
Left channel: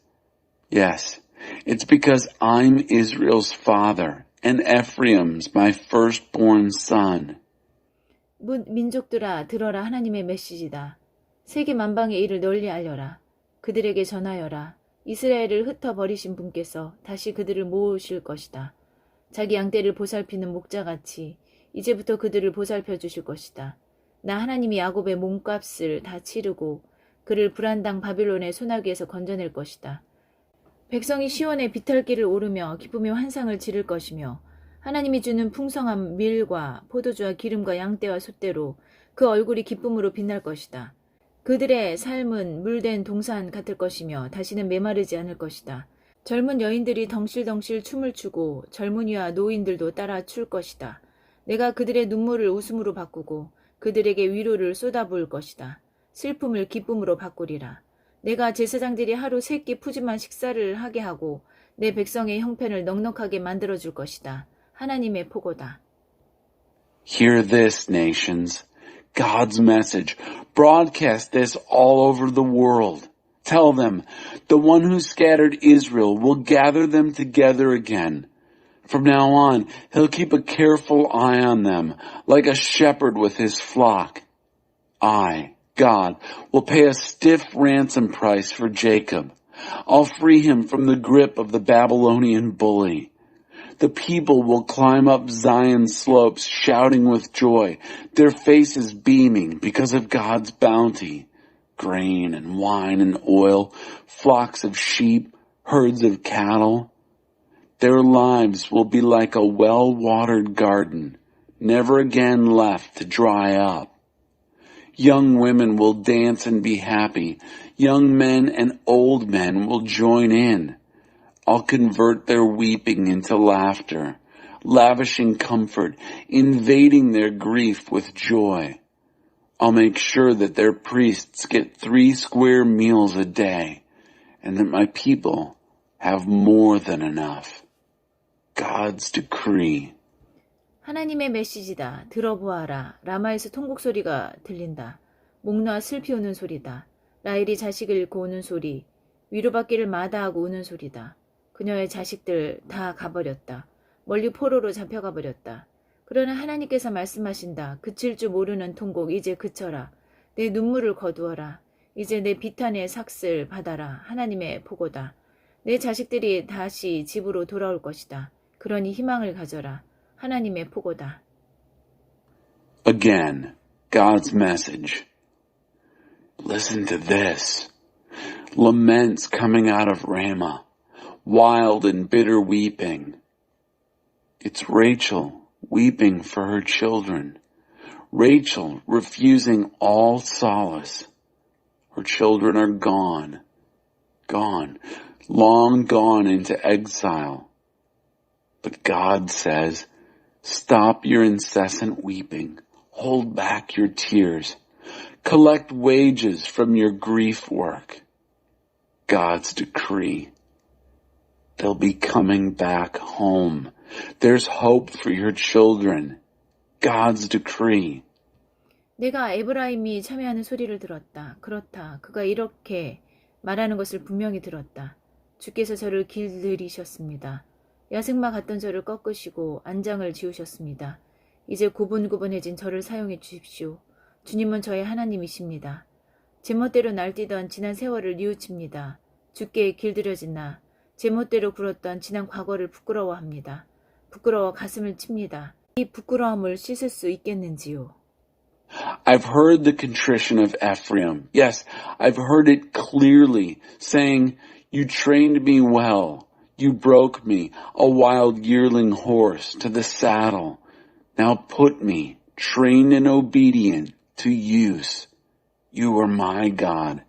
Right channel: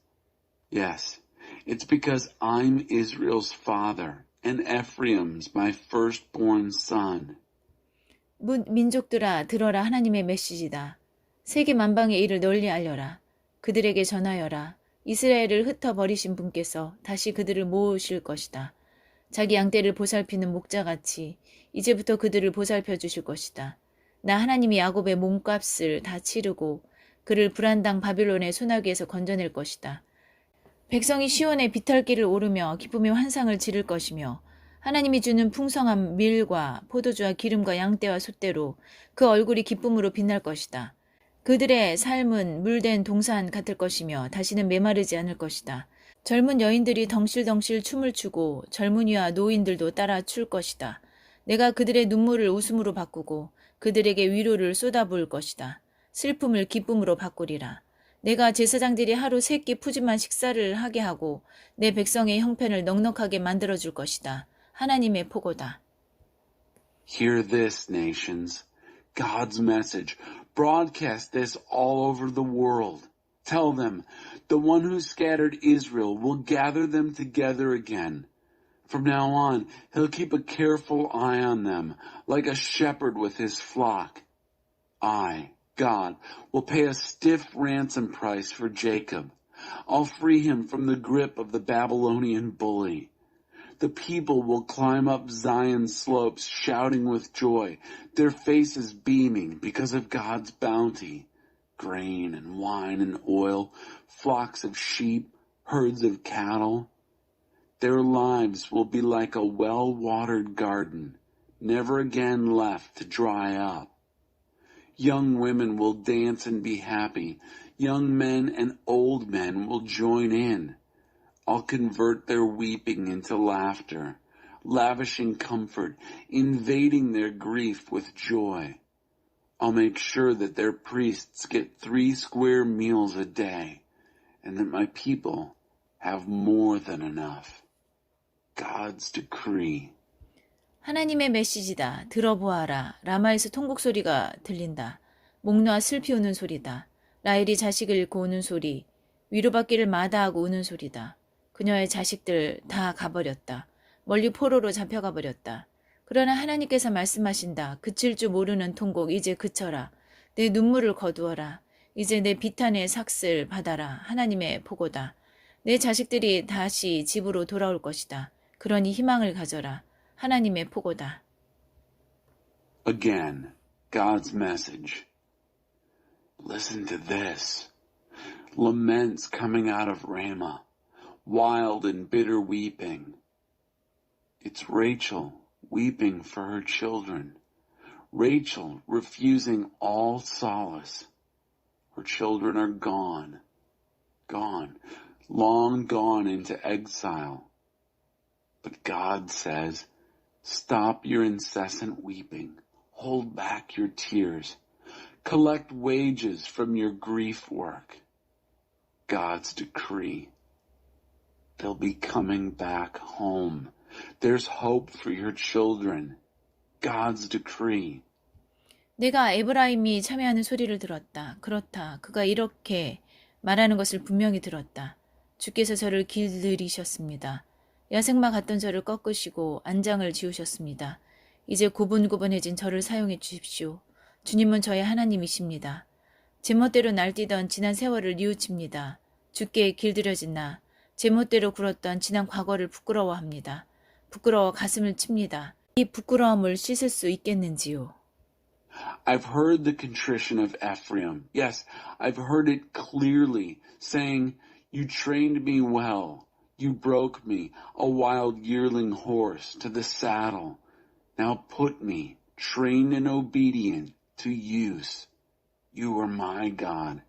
Yes, it's because I'm Israel's father and Ephraim's my firstborn son. 민족들아 들어라. 하나님의 메시지다. 세계 만방의 일을 널리 알려라. 그들에게 전하여라. 이스라엘을 흩어버리신 분께서 다시 그들을 모으실 것이다. 자기 양떼를 보살피는 목자같이 이제부터 그들을 보살펴 주실 것이다. 나 하나님이 야곱의 몸값을 다 치르고 그를 불안당 바빌론의 소나기에서 건져낼 것이다. 백성이 시온의 비탈길을 오르며 기쁨의 환상을 지를 것이며 하나님이 주는 풍성한 밀과 포도주와 기름과 양떼와 숫대로 그 얼굴이 기쁨으로 빛날 것이다. 그들의 삶은 물된 동산 같을 것이며 다시는 메마르지 않을 것이다. 젊은 여인들이 덩실덩실 춤을 추고 젊은이와 노인들도 따라 출 것이다. 내가 그들의 눈물을 웃음으로 바꾸고 그들에게 위로를 쏟아부을 것이다. 슬픔을 기쁨으로 바꾸리라. 내가 제사장들이 하루 3끼 푸짐한 식사를 하게 하고 내 백성의 형편을 넉넉하게 만들어줄 것이다. 하나님의 포고다. Hear this, nations. God's message. Broadcast this all over the world. Tell them, the one who scattered Israel will gather them together again. From now on, he'll keep a careful eye on them, like a shepherd with his flock. I, God, will pay a stiff ransom price for Jacob. I'll free him from the grip of the Babylonian bully. The people will climb up Zion's slopes shouting with joy, their faces beaming because of God's bounty. Grain and wine and oil, flocks of sheep, herds of cattle. Their lives will be like a well-watered garden, never again left to dry up. Young women will dance and be happy. Young men and old men will join in. I'll convert their weeping into laughter, lavishing comfort, invading their grief with joy. I'll make sure that their priests get 3 square meals a day, and that my people have more than enough. God's decree. 하나님의 메시지다. 들어보아라. 라마에서 통곡 소리가 들린다. 목 놓아 슬피 우는 소리다. 라헬이 자식을 잃고 우는 소리. 위로받기를 마다하고 우는 소리다. 그녀의 자식들 다 가버렸다. 멀리 포로로 잡혀가 버렸다. 그러나 하나님께서 말씀하신다. 그칠 줄 모르는 통곡 이제 그쳐라. 내 눈물을 거두어라. 이제 내 비탄의 삭슬 받아라. 하나님의 포고다. 내 자식들이 다시 집으로 돌아올 것이다. 그러니 희망을 가져라. 하나님의 포고다. Again, God's message. Listen to this. Laments coming out of Ramah. Wild and bitter weeping. It's Rachel weeping for her children. Rachel refusing all solace. Her children are gone, long gone into exile. But God says, stop your incessant weeping. Hold back your tears. Collect wages from your grief work. God's decree. They'll be coming back home. There's hope for your children. God's decree. 내가 에브라임이 참여하는 소리를 들었다. 그렇다. 그가 이렇게 말하는 것을 분명히 들었다. 주께서 저를 길들이셨습니다. 야생마 같던 저를 꺾으시고 안장을 지우셨습니다. 이제 고분고분해진 저를 사용해 주십시오. 주님은 저의 하나님이십니다. 제멋대로 날뛰던 지난 세월을 뉘우칩니다. 주께 길들여진 나, 제멋대로 굴었던 지난 과거를 부끄러워합니다. 부끄러워 가슴을 칩니다. 이 부끄러움을 씻을 수 있겠는지요. I've heard the contrition of Ephraim. Yes, I've heard it clearly, saying, you trained me well. You broke me, a wild yearling horse, to the saddle. Now put me, trained and obedient, to use. You are my God.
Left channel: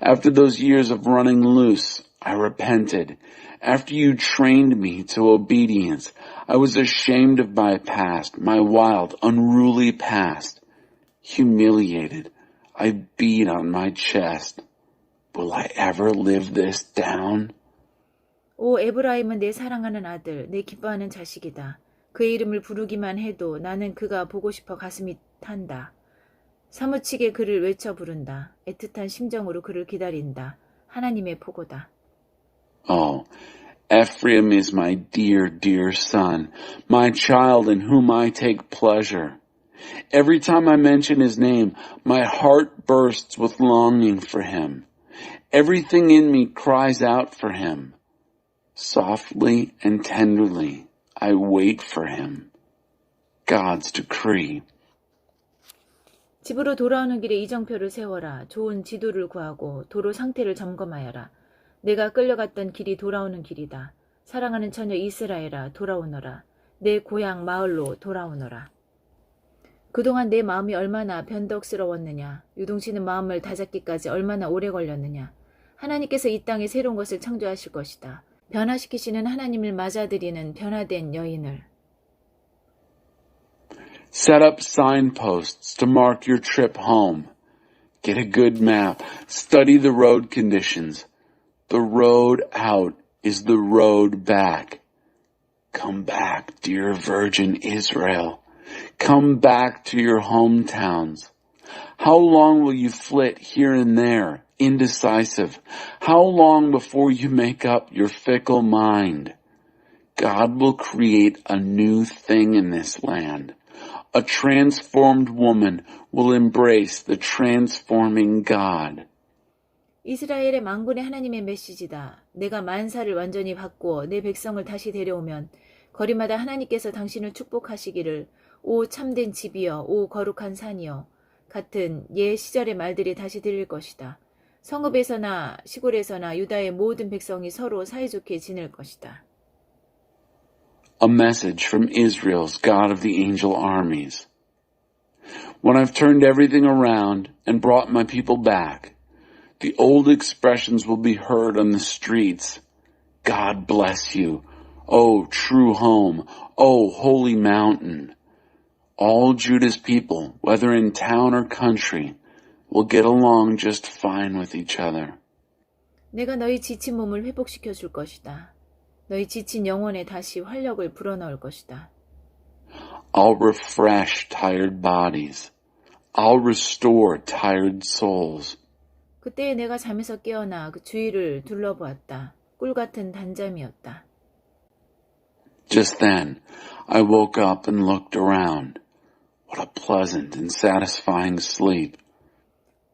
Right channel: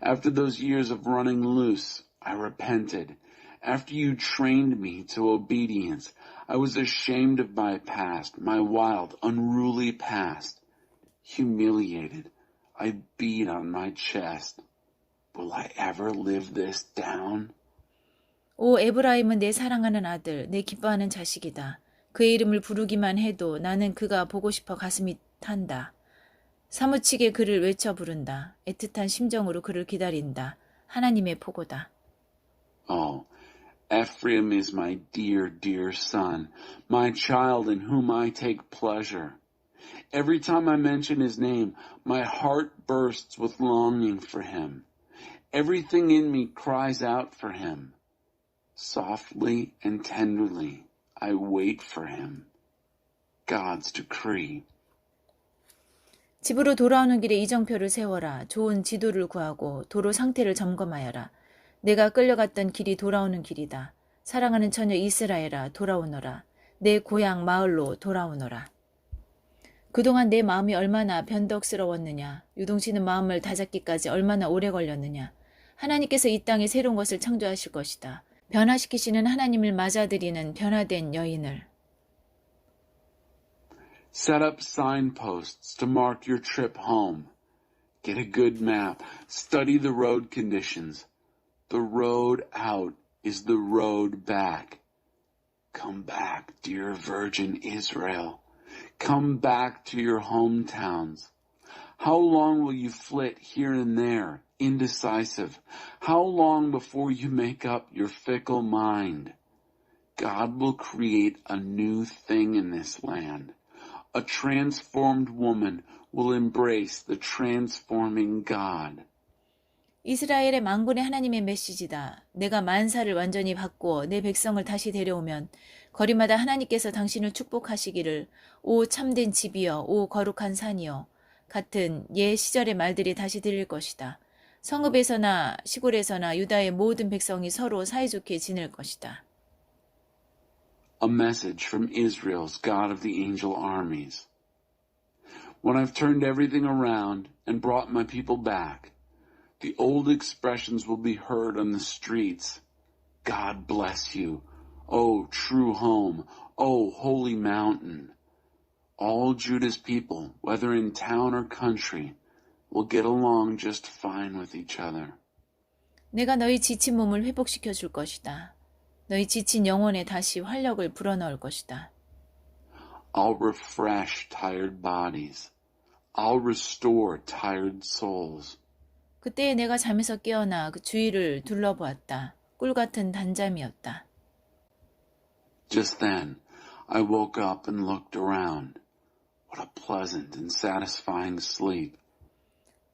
After those years of running loose, I repented. After you trained me to obedience, I was ashamed of my past, my wild, unruly past. Humiliated, I beat on my chest. Will I ever live this down? 오 에브라임은 내 사랑하는 아들, 내 기뻐하는 자식이다. 그의 이름을 부르기만 해도 나는 그가 보고 싶어 가슴이 탄다. 사무치게 그를 외쳐 부른다. 애틋한 심정으로 그를 기다린다. 하나님의 포고다. Oh, Ephraim is my dear, dear son, my child in whom I take pleasure. Every time I mention his name, my heart bursts with longing for him. Everything in me cries out for him. Softly and tenderly, I wait for him. God's decree. 집으로 돌아오는 길에 이정표를 세워라. 좋은 지도를 구하고 도로 상태를 점검하여라. 내가 끌려갔던 길이 돌아오는 길이다. 사랑하는 처녀 이스라엘아 돌아오너라. 내 고향 마을로 돌아오너라. 그동안 내 마음이 얼마나 변덕스러웠느냐. 유동치는 마음을 다잡기까지 얼마나 오래 걸렸느냐. 하나님께서 이 땅에 새로운 것을 창조하실 것이다. 변화시키시는 하나님을 맞아들이는 변화된 여인을. Set up signposts to mark your trip home. Get a good map. Study the road conditions. The road out is the road back. Come back, dear virgin Israel. Come back to your hometowns. How long will you flit here and there, indecisive? How long before you make up your fickle mind? God will create a new thing in this land. A transformed woman will embrace the transforming God. 이스라엘의 만군의 하나님의 메시지다. 내가 만사를 완전히 바꾸어 내 백성을 다시 데려오면 거리마다 하나님께서 당신을 축복하시기를 오 참된 집이여 오 거룩한 산이여 같은 옛 시절의 말들이 다시 들릴 것이다. 성읍에서나 시골에서나 유다의 모든 백성이 서로 사이좋게 지낼 것이다. A message from Israel's God of the angel armies. When I've turned everything around and brought my people back, the old expressions will be heard on the streets. God bless you. Oh, true home. Oh, holy mountain. All Judah's people, whether in town or country, will get along just fine with each other. 내가 너희 지친 몸을 회복시켜 줄 것이다. 너희 지친 영혼에 다시 활력을 불어넣을 것이다. I'll refresh tired bodies. I'll restore tired souls. 그때에 내가 잠에서 깨어나 그 주위를 둘러보았다. 꿀같은 단잠이었다. Just then, I woke up and looked around. What a pleasant and satisfying sleep.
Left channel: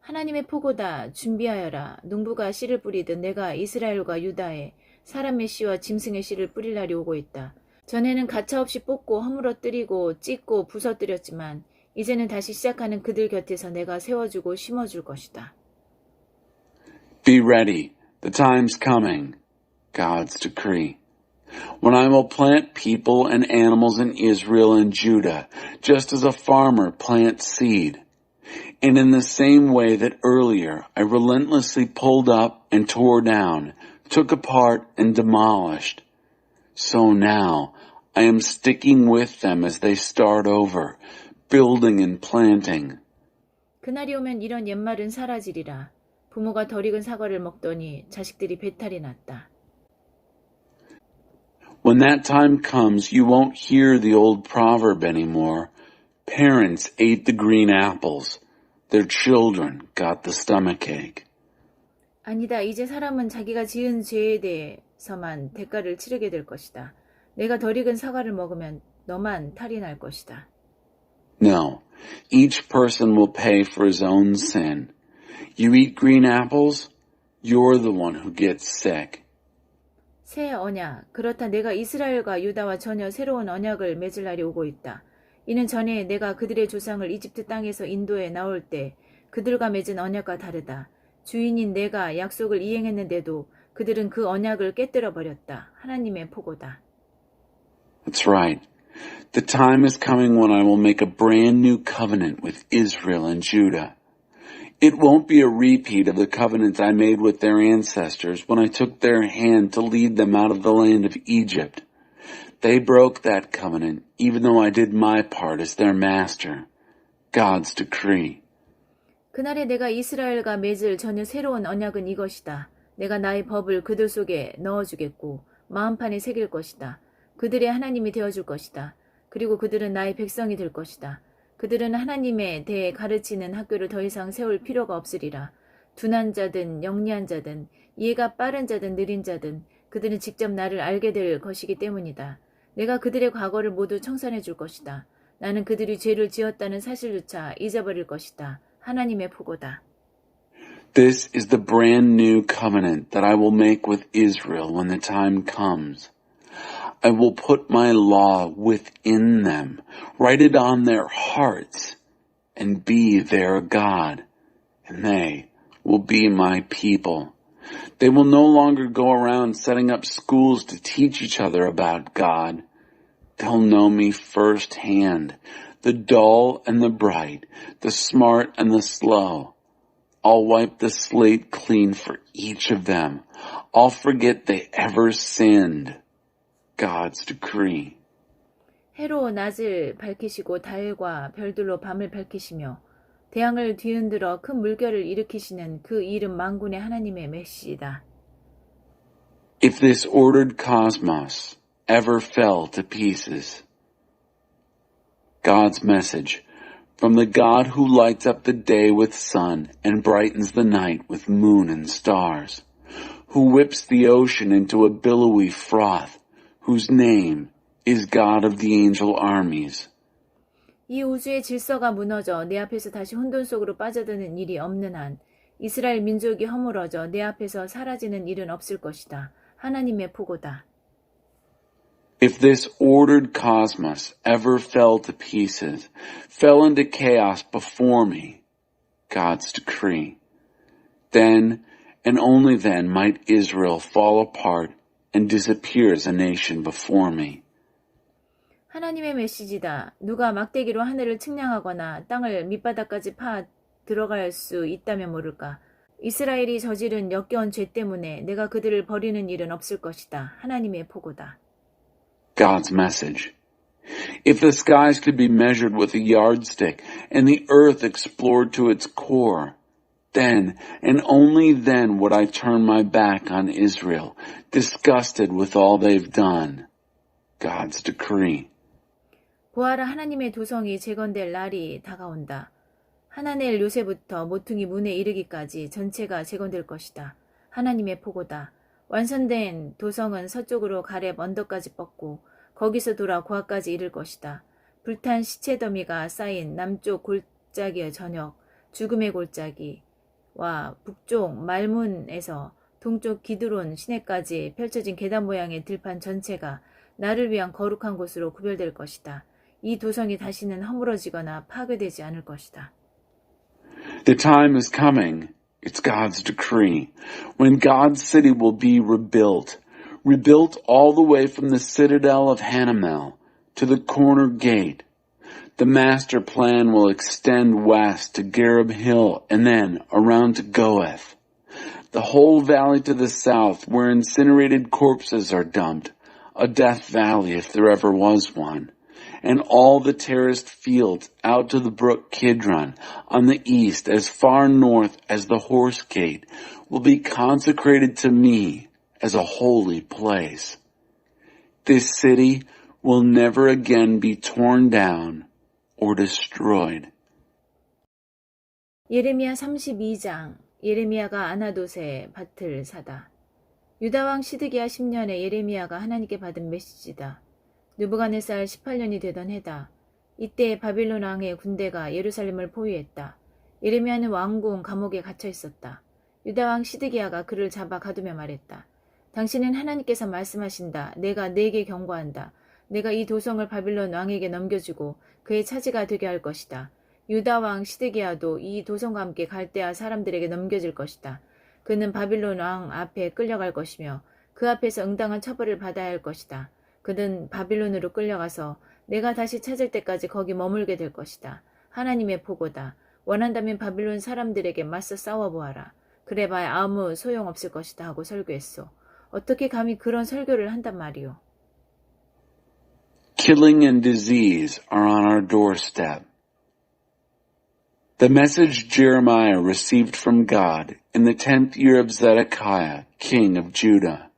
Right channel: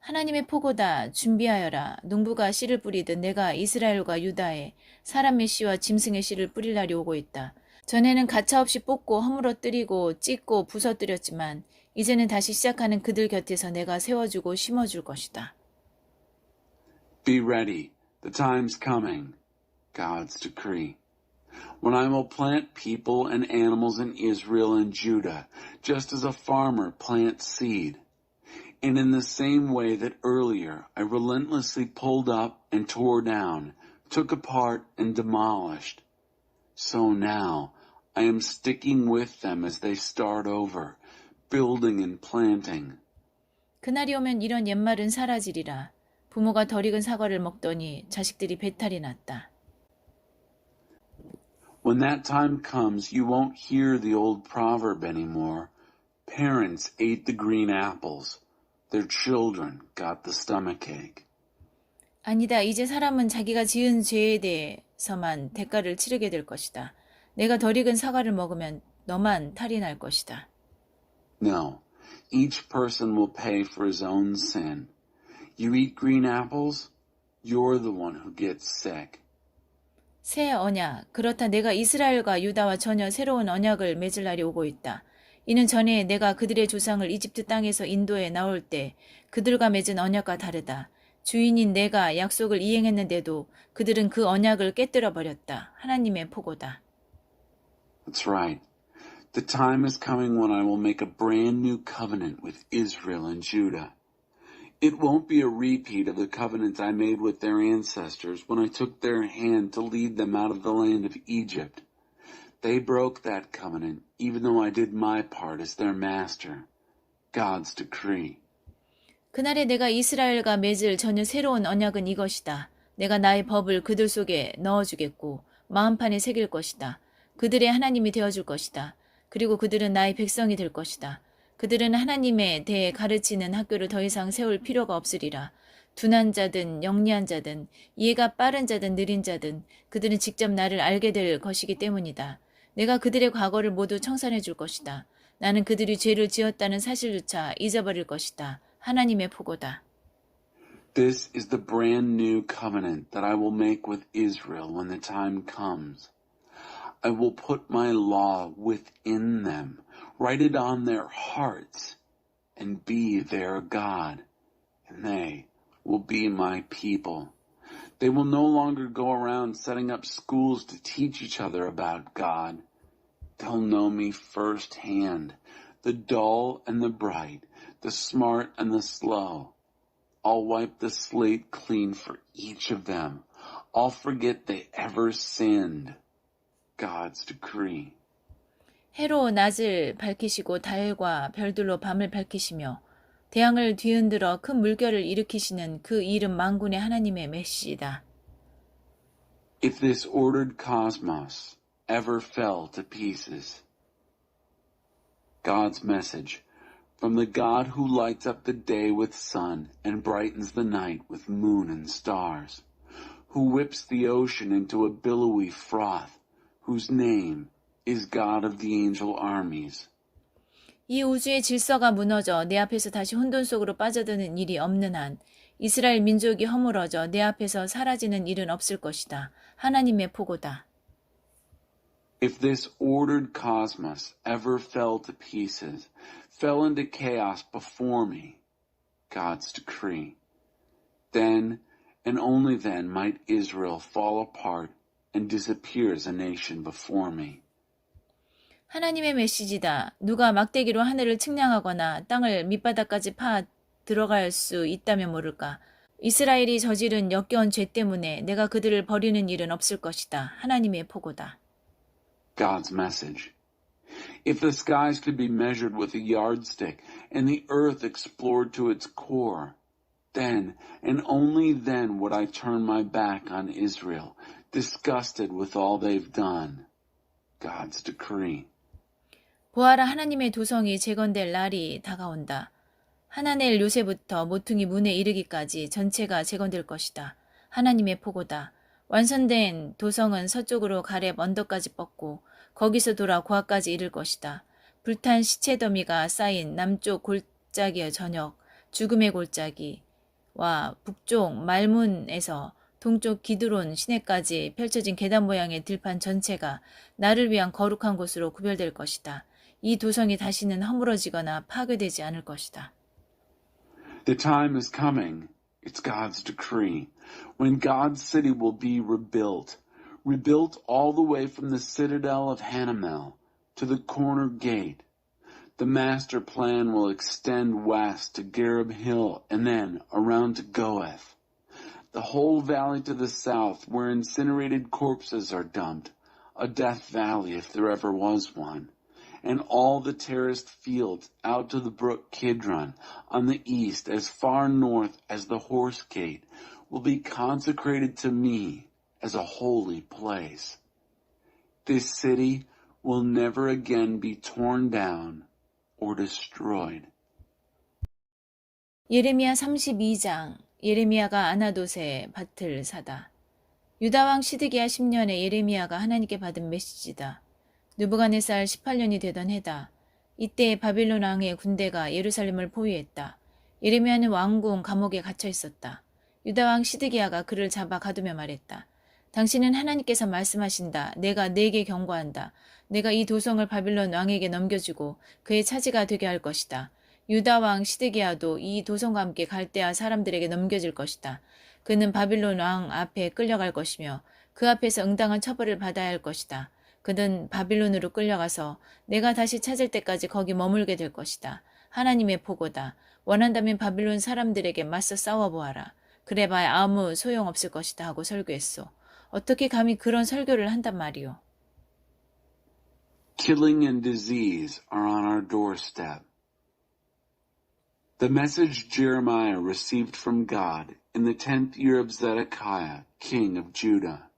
하나님의 포고다. 준비하여라. 농부가 씨를 뿌리듯 내가 이스라엘과 유다에 사람의 씨와 짐승의 씨를 뿌릴 날이 오고 있다. 전에는 가차없이 뽑고 허물어뜨리고 찢고 부서뜨렸지만 이제는 다시 시작하는 그들 곁에서 내가 세워주고 심어줄 것이다. Be ready. The time's coming. God's decree. When I will plant people and animals in Israel and Judah, just as a farmer plants seed. And in the same way that earlier I relentlessly pulled up and tore down, took apart and demolished, so now I am sticking with them as they start over, building and planting. 그날이 오면 이런 옛말은 사라지리라. 부모가 덜 익은 사과를 먹더니 자식들이 배탈이 났다. When that time comes, you won't hear the old proverb anymore. Parents ate the green apples. Their children got the stomachache. 아니다. 이제 사람은 자기가 지은 죄에 대해서만 대가를 치르게 될 것이다. 내가 덜 익은 사과를 먹으면 너만 탈이 날 것이다. No, each person will pay for his own sin. You eat green apples, you're the one who gets sick. 새 언약. 그렇다 내가 이스라엘과 유다와 전혀 새로운 언약을 맺을 날이 오고 있다. 이는 전에 내가 그들의 조상을 이집트 땅에서 인도에 나올 때 그들과 맺은 언약과 다르다. 주인인 내가 약속을 이행했는데도 그들은 그 언약을 깨뜨려 버렸다. 하나님의 포고다. That's right. The time is coming when I will make a brand new covenant with Israel and Judah. It won't be a repeat of the covenant I made with their ancestors when I took their hand to lead them out of the land of Egypt. They broke that covenant, even though I did my part as their master. God's decree. 그날에 내가 이스라엘과 맺을 전혀 새로운 언약은 이것이다. 내가 나의 법을 그들 속에 넣어주겠고 마음판에 새길 것이다. 그들의 하나님이 되어줄 것이다. 그리고 그들은 나의 백성이 될 것이다. 그들은 하나님에 대해 가르치는 학교를 더 이상 세울 필요가 없으리라. 둔한 자든 영리한 자든 이해가 빠른 자든 느린 자든 그들은 직접 나를 알게 될 것이기 때문이다. 내가 그들의 과거를 모두 청산해 줄 것이다. 나는 그들이 죄를 지었다는 사실조차 잊어버릴 것이다. 하나님의 포고다. This is the brand new covenant that I will make with Israel when the time comes. I will put my law within them, write it on their hearts, and be their God, and they will be my people. They will no longer go around setting up schools to teach each other about God. They'll know me firsthand, the dull and the bright, the smart and the slow. I'll wipe the slate clean for each of them. I'll forget they ever sinned. God's decree. 해로 낮을 밝히시고 달과 별들로 밤을 밝히시며 태양을 뒤흔들어 큰 물결을 일으키시는 그 이름 만군의 하나님의 메시지다. If this ordered cosmos ever fell to pieces, God's message from the God who lights up the day with sun and brightens the night with moon and stars, who whips the ocean into a billowy froth, whose name is God of the angel armies. 이 우주의 질서가 무너져 내 앞에서 다시 혼돈 속으로 빠져드는 일이 없는 한 이스라엘 민족이 허물어져 내 앞에서 사라지는 일은 없을 것이다. 하나님의 포고다. If this ordered cosmos ever fell to pieces, fell into chaos before me, God's decree, then and only then might Israel fall apart and disappear as a nation before me. 하나님의 메시지다. 누가 막대기로 하늘을 측량하거나 땅을 밑바닥까지 파 들어갈 수 있다면 모를까. 이스라엘이 저지른 역겨운 죄 때문에 내가 그들을 버리는 일은 없을 것이다. 하나님의 포고다. God's message. If the skies could be measured with a yardstick and the earth explored to its core, then and only then would I turn my back on Israel, disgusted with all they've done. God's decree. 보아라 하나님의 도성이 재건될 날이 다가온다. 하나넬 요새부터 모퉁이 문에 이르기까지 전체가 재건될 것이다. 하나님의 포고다. 완성된 도성은 서쪽으로 가렙 언덕까지 뻗고 거기서 돌아 고아까지 이를 것이다. 불탄 시체 더미가 쌓인 남쪽 골짜기의 저녁, 죽음의 골짜기와 북쪽 말문에서 동쪽 기드론 시내까지 펼쳐진 계단 모양의 들판 전체가 나를 위한 거룩한 곳으로 구별될 것이다. 이 도성이 다시는 허물어지거나 파괴되지 않을 것이다. The time is coming, it's God's decree, when God's city will be rebuilt all the way from the citadel of Hanamel to the corner gate. The master plan will extend west to Gareb Hill and then around to Goeth. The whole valley to the south where incinerated corpses are dumped, a death valley if there ever was one. And all the terraced fields out to the brook Kidron on the east as far north as the Horse Gate will be consecrated to me as a holy place. This city will never again be torn down or destroyed. 예레미야 32장. 예레미야가 아나돗의 밭을 사다. 유다왕 시드기야 10년에 예레미야가 하나님께 받은 메시지다. 느부갓네살 18년이 되던 해다. 이때 바빌론 왕의 군대가 예루살렘을 포위했다. 예레미야는 왕궁 감옥에 갇혀 있었다. 유다왕 시드기야가 그를 잡아 가두며 말했다. 당신은 하나님께서 말씀하신다. 내가 네게 경고한다. 내가 이 도성을 바빌론 왕에게 넘겨주고 그의 차지가 되게 할 것이다. 유다왕 시드기야도 이 도성과 함께 갈대아 사람들에게 넘겨질 것이다. 그는 바빌론 왕 앞에 끌려갈 것이며 그 앞에서 응당한 처벌을 받아야 할 것이다. 그는 바빌론으로 끌려가서 내가 다시 찾을 때까지 거기 머물게 될 것이다. 하나님의 보고다. 원한다면 바빌론 사람들에게 맞서 싸워보아라. 그래봐야 아무 소용없을 것이다 하고 설교했소. 어떻게 감히 그런 설교를 한단 말이오. Killing and disease are on our doorstep. The message Jeremiah received from God in the 10th year of Zedekiah, king of Judah.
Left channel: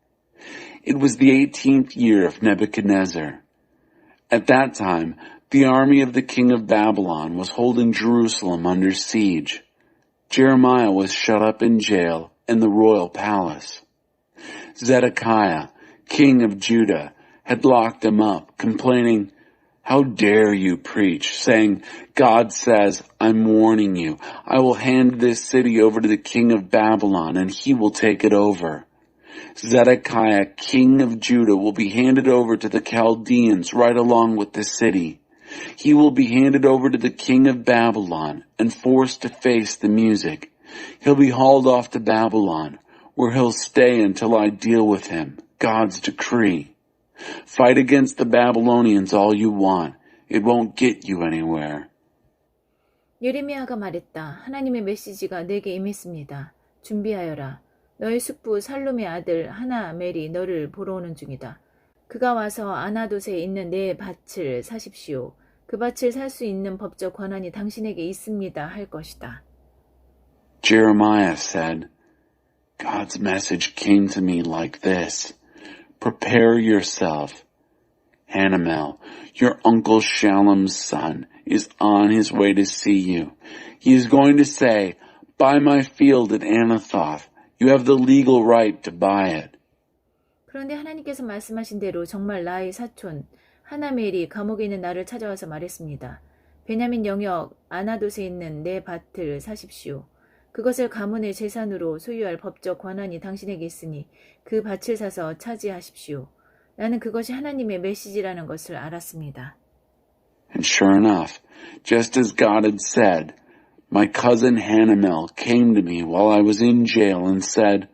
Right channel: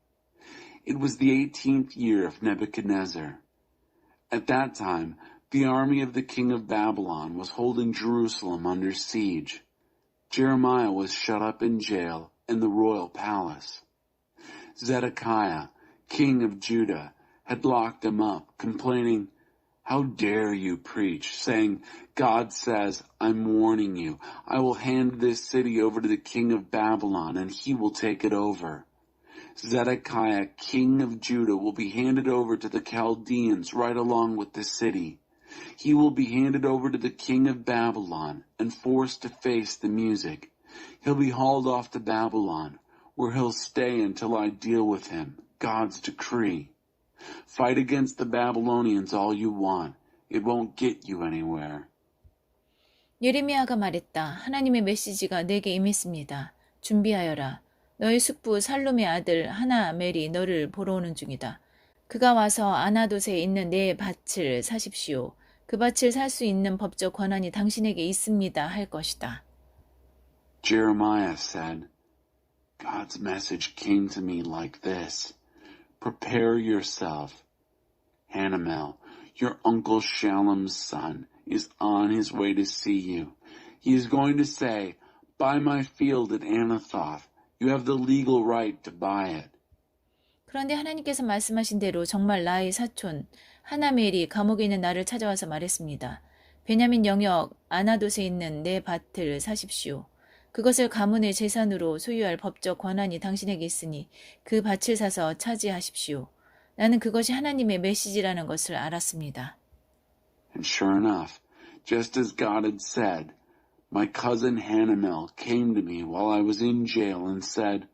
It was the 18th year of Nebuchadnezzar. At that time, the army of the king of Babylon was holding Jerusalem under siege. Jeremiah was shut up in jail in the royal palace. Zedekiah, king of Judah, had locked him up, complaining, "How dare you preach, saying, 'God says, I'm warning you, I will hand this city over to the king of Babylon, and he will take it over.' Zedekiah, king of Judah, will be handed over to the Chaldeans right along with the city. He will be handed over to the king of Babylon and forced to face the music. He'll be hauled off to Babylon, where he'll stay until I deal with him, God's decree. Fight against the Babylonians all you want. It won't get you anywhere." 예레미야가 말했다. 하나님의 메시지가 내게 임했습니다. 준비하여라. 너의 숙부 살룸의 아들 하나멜이 너를 보러 오는 중이다. 그가 와서 아나돗에 있는 내 밭을 사십시오. 그 밭을 살 수 있는 법적 권한이 당신에게 있습니다 할 것이다. Jeremiah said, "God's message came to me like this. Prepare yourself. Hanamel, your uncle Shallum's son, is on his way to see you. He is going to say, 'Buy my field at Anathoth. You have the legal right to buy it.'" 그런데 하나님께서 말씀하신 대로 정말 나의 사촌 하나멜이 감옥에 있는 나를 찾아와서 말했습니다. 베냐민 영역 아나돗에 있는 내 밭을 사십시오. 그것을 가문의 재산으로 소유할 법적 권한이 당신에게 있으니 그 밭을 사서 차지하십시오. 나는 그것이 하나님의 메시지라는 것을 알았습니다. And sure enough, just as God had said, my cousin Hanamel came to me while I was in jail and said,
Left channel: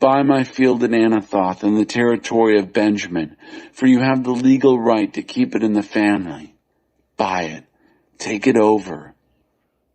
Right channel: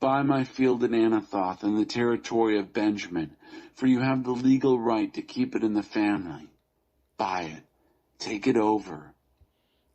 "Buy my field at Anathoth in the territory of Benjamin, for you have the legal right to keep it in the family. Buy it. Take it over."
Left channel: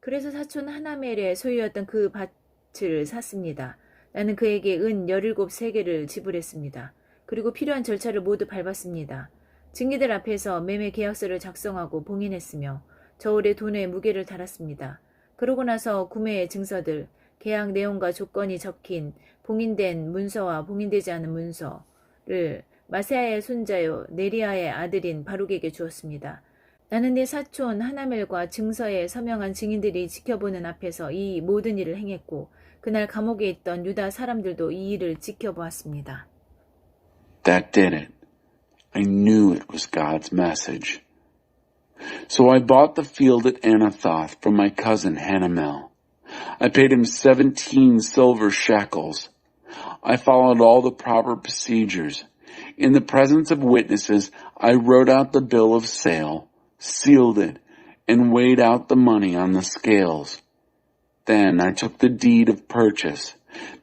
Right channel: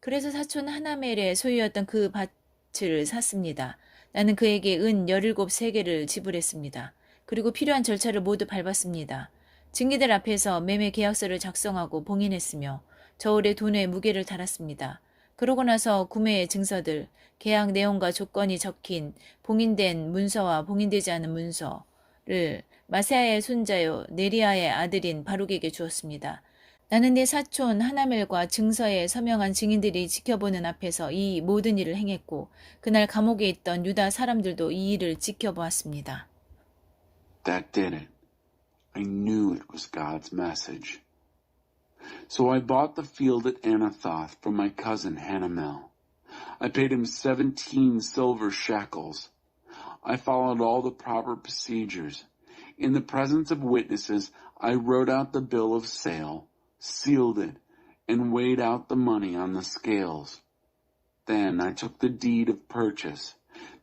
그래서 사촌 하나멜의 소유였던 그 밭을 샀습니다. 나는 그에게 은 17세겔을 지불했습니다. 그리고 필요한 절차를 모두 밟았습니다. 증인들 앞에서 매매 계약서를 작성하고 봉인했으며 저울에 돈의 무게를 달았습니다. 그러고 나서 구매의 증서들, 계약 내용과 조건이 적힌 봉인된 문서와 봉인되지 않은 문서를 마세아의 손자요 네리아의 아들인 바룩에게 주었습니다. 나는 내 사촌 하나멜과 증서에 서명한 증인들이 지켜보는 앞에서 이 모든 일을 행했고 그날 감옥에 있던 유다 사람들도 이 일을 지켜보았습니다. That did it. I knew it was God's message. So I bought the field at Anathoth from my cousin Hanamel. I paid him 17 silver shekels. I followed all the proper procedures. In the presence of witnesses, I wrote out the bill of sale, sealed it, and weighed out the money on the scales. Then I took the deed of purchase,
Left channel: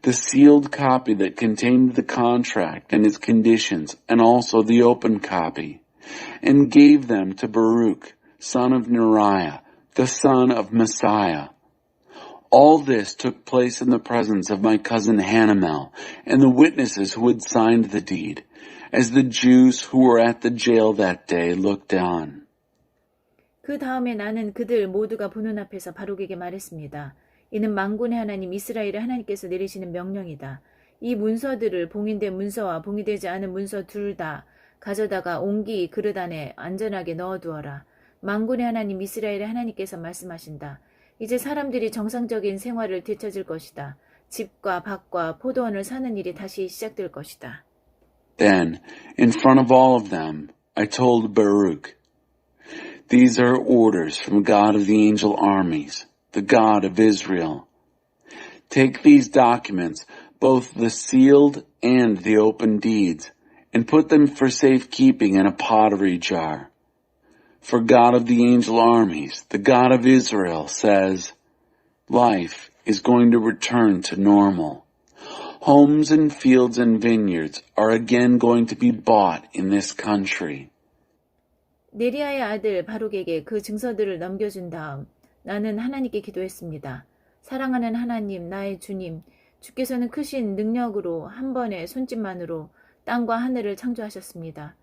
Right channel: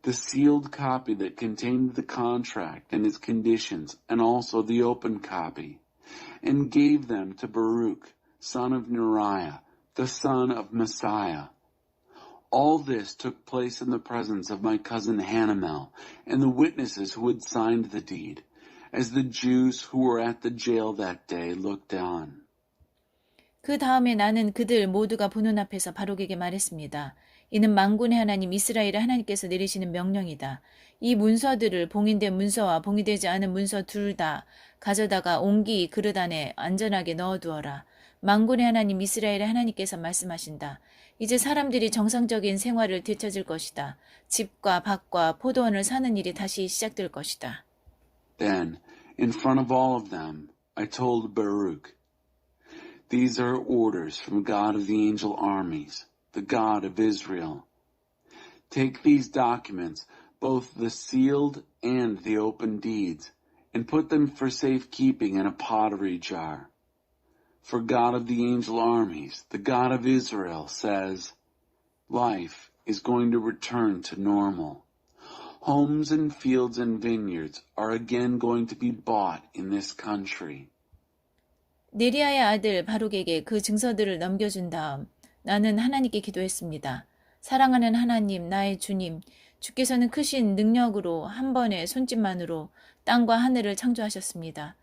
the sealed copy that contained the contract and its conditions, and also the open copy, and gave them to Baruch, son of Neriah, the son of Messiah. All this took place in the presence of my cousin Hanamel and the witnesses who had signed the deed, as the Jews who were at the jail that day looked on. 그 다음에 나는 그들 모두가 보는 앞에서 바룩에게 말했습니다. 이는 만군의 하나님 이스라엘의 하나님께서 내리시는 명령이다. 이 문서들을 봉인된 문서와 봉인되지 않은 문서 둘 다 가져다가 옹기 그릇 안에 안전하게 넣어두어라. 만군의 하나님 이스라엘의 하나님께서 말씀하신다. 이제 사람들이 정상적인 생활을 되찾을 것이다. 집과 밭과 포도원을 사는 일이 다시 시작될 것이다. Then, in front of all of them, I told Baruch, These are orders from God of the angel armies, the God of Israel. Take these documents, both the sealed and the open deeds, and put them for safekeeping in a pottery jar. For God of the angel armies, the God of Israel, says, Life is going to return to normal. Homes and fields and vineyards are again going to be bought in this country. 네리아의 아들 바룩에게 그 증서들을 넘겨준 다음 나는 하나님께 기도했습니다. 사랑하는 하나님, 나의 주님, 주께서는 크신 능력으로 한 번의 손짓만으로 땅과 하늘을 창조하셨습니다.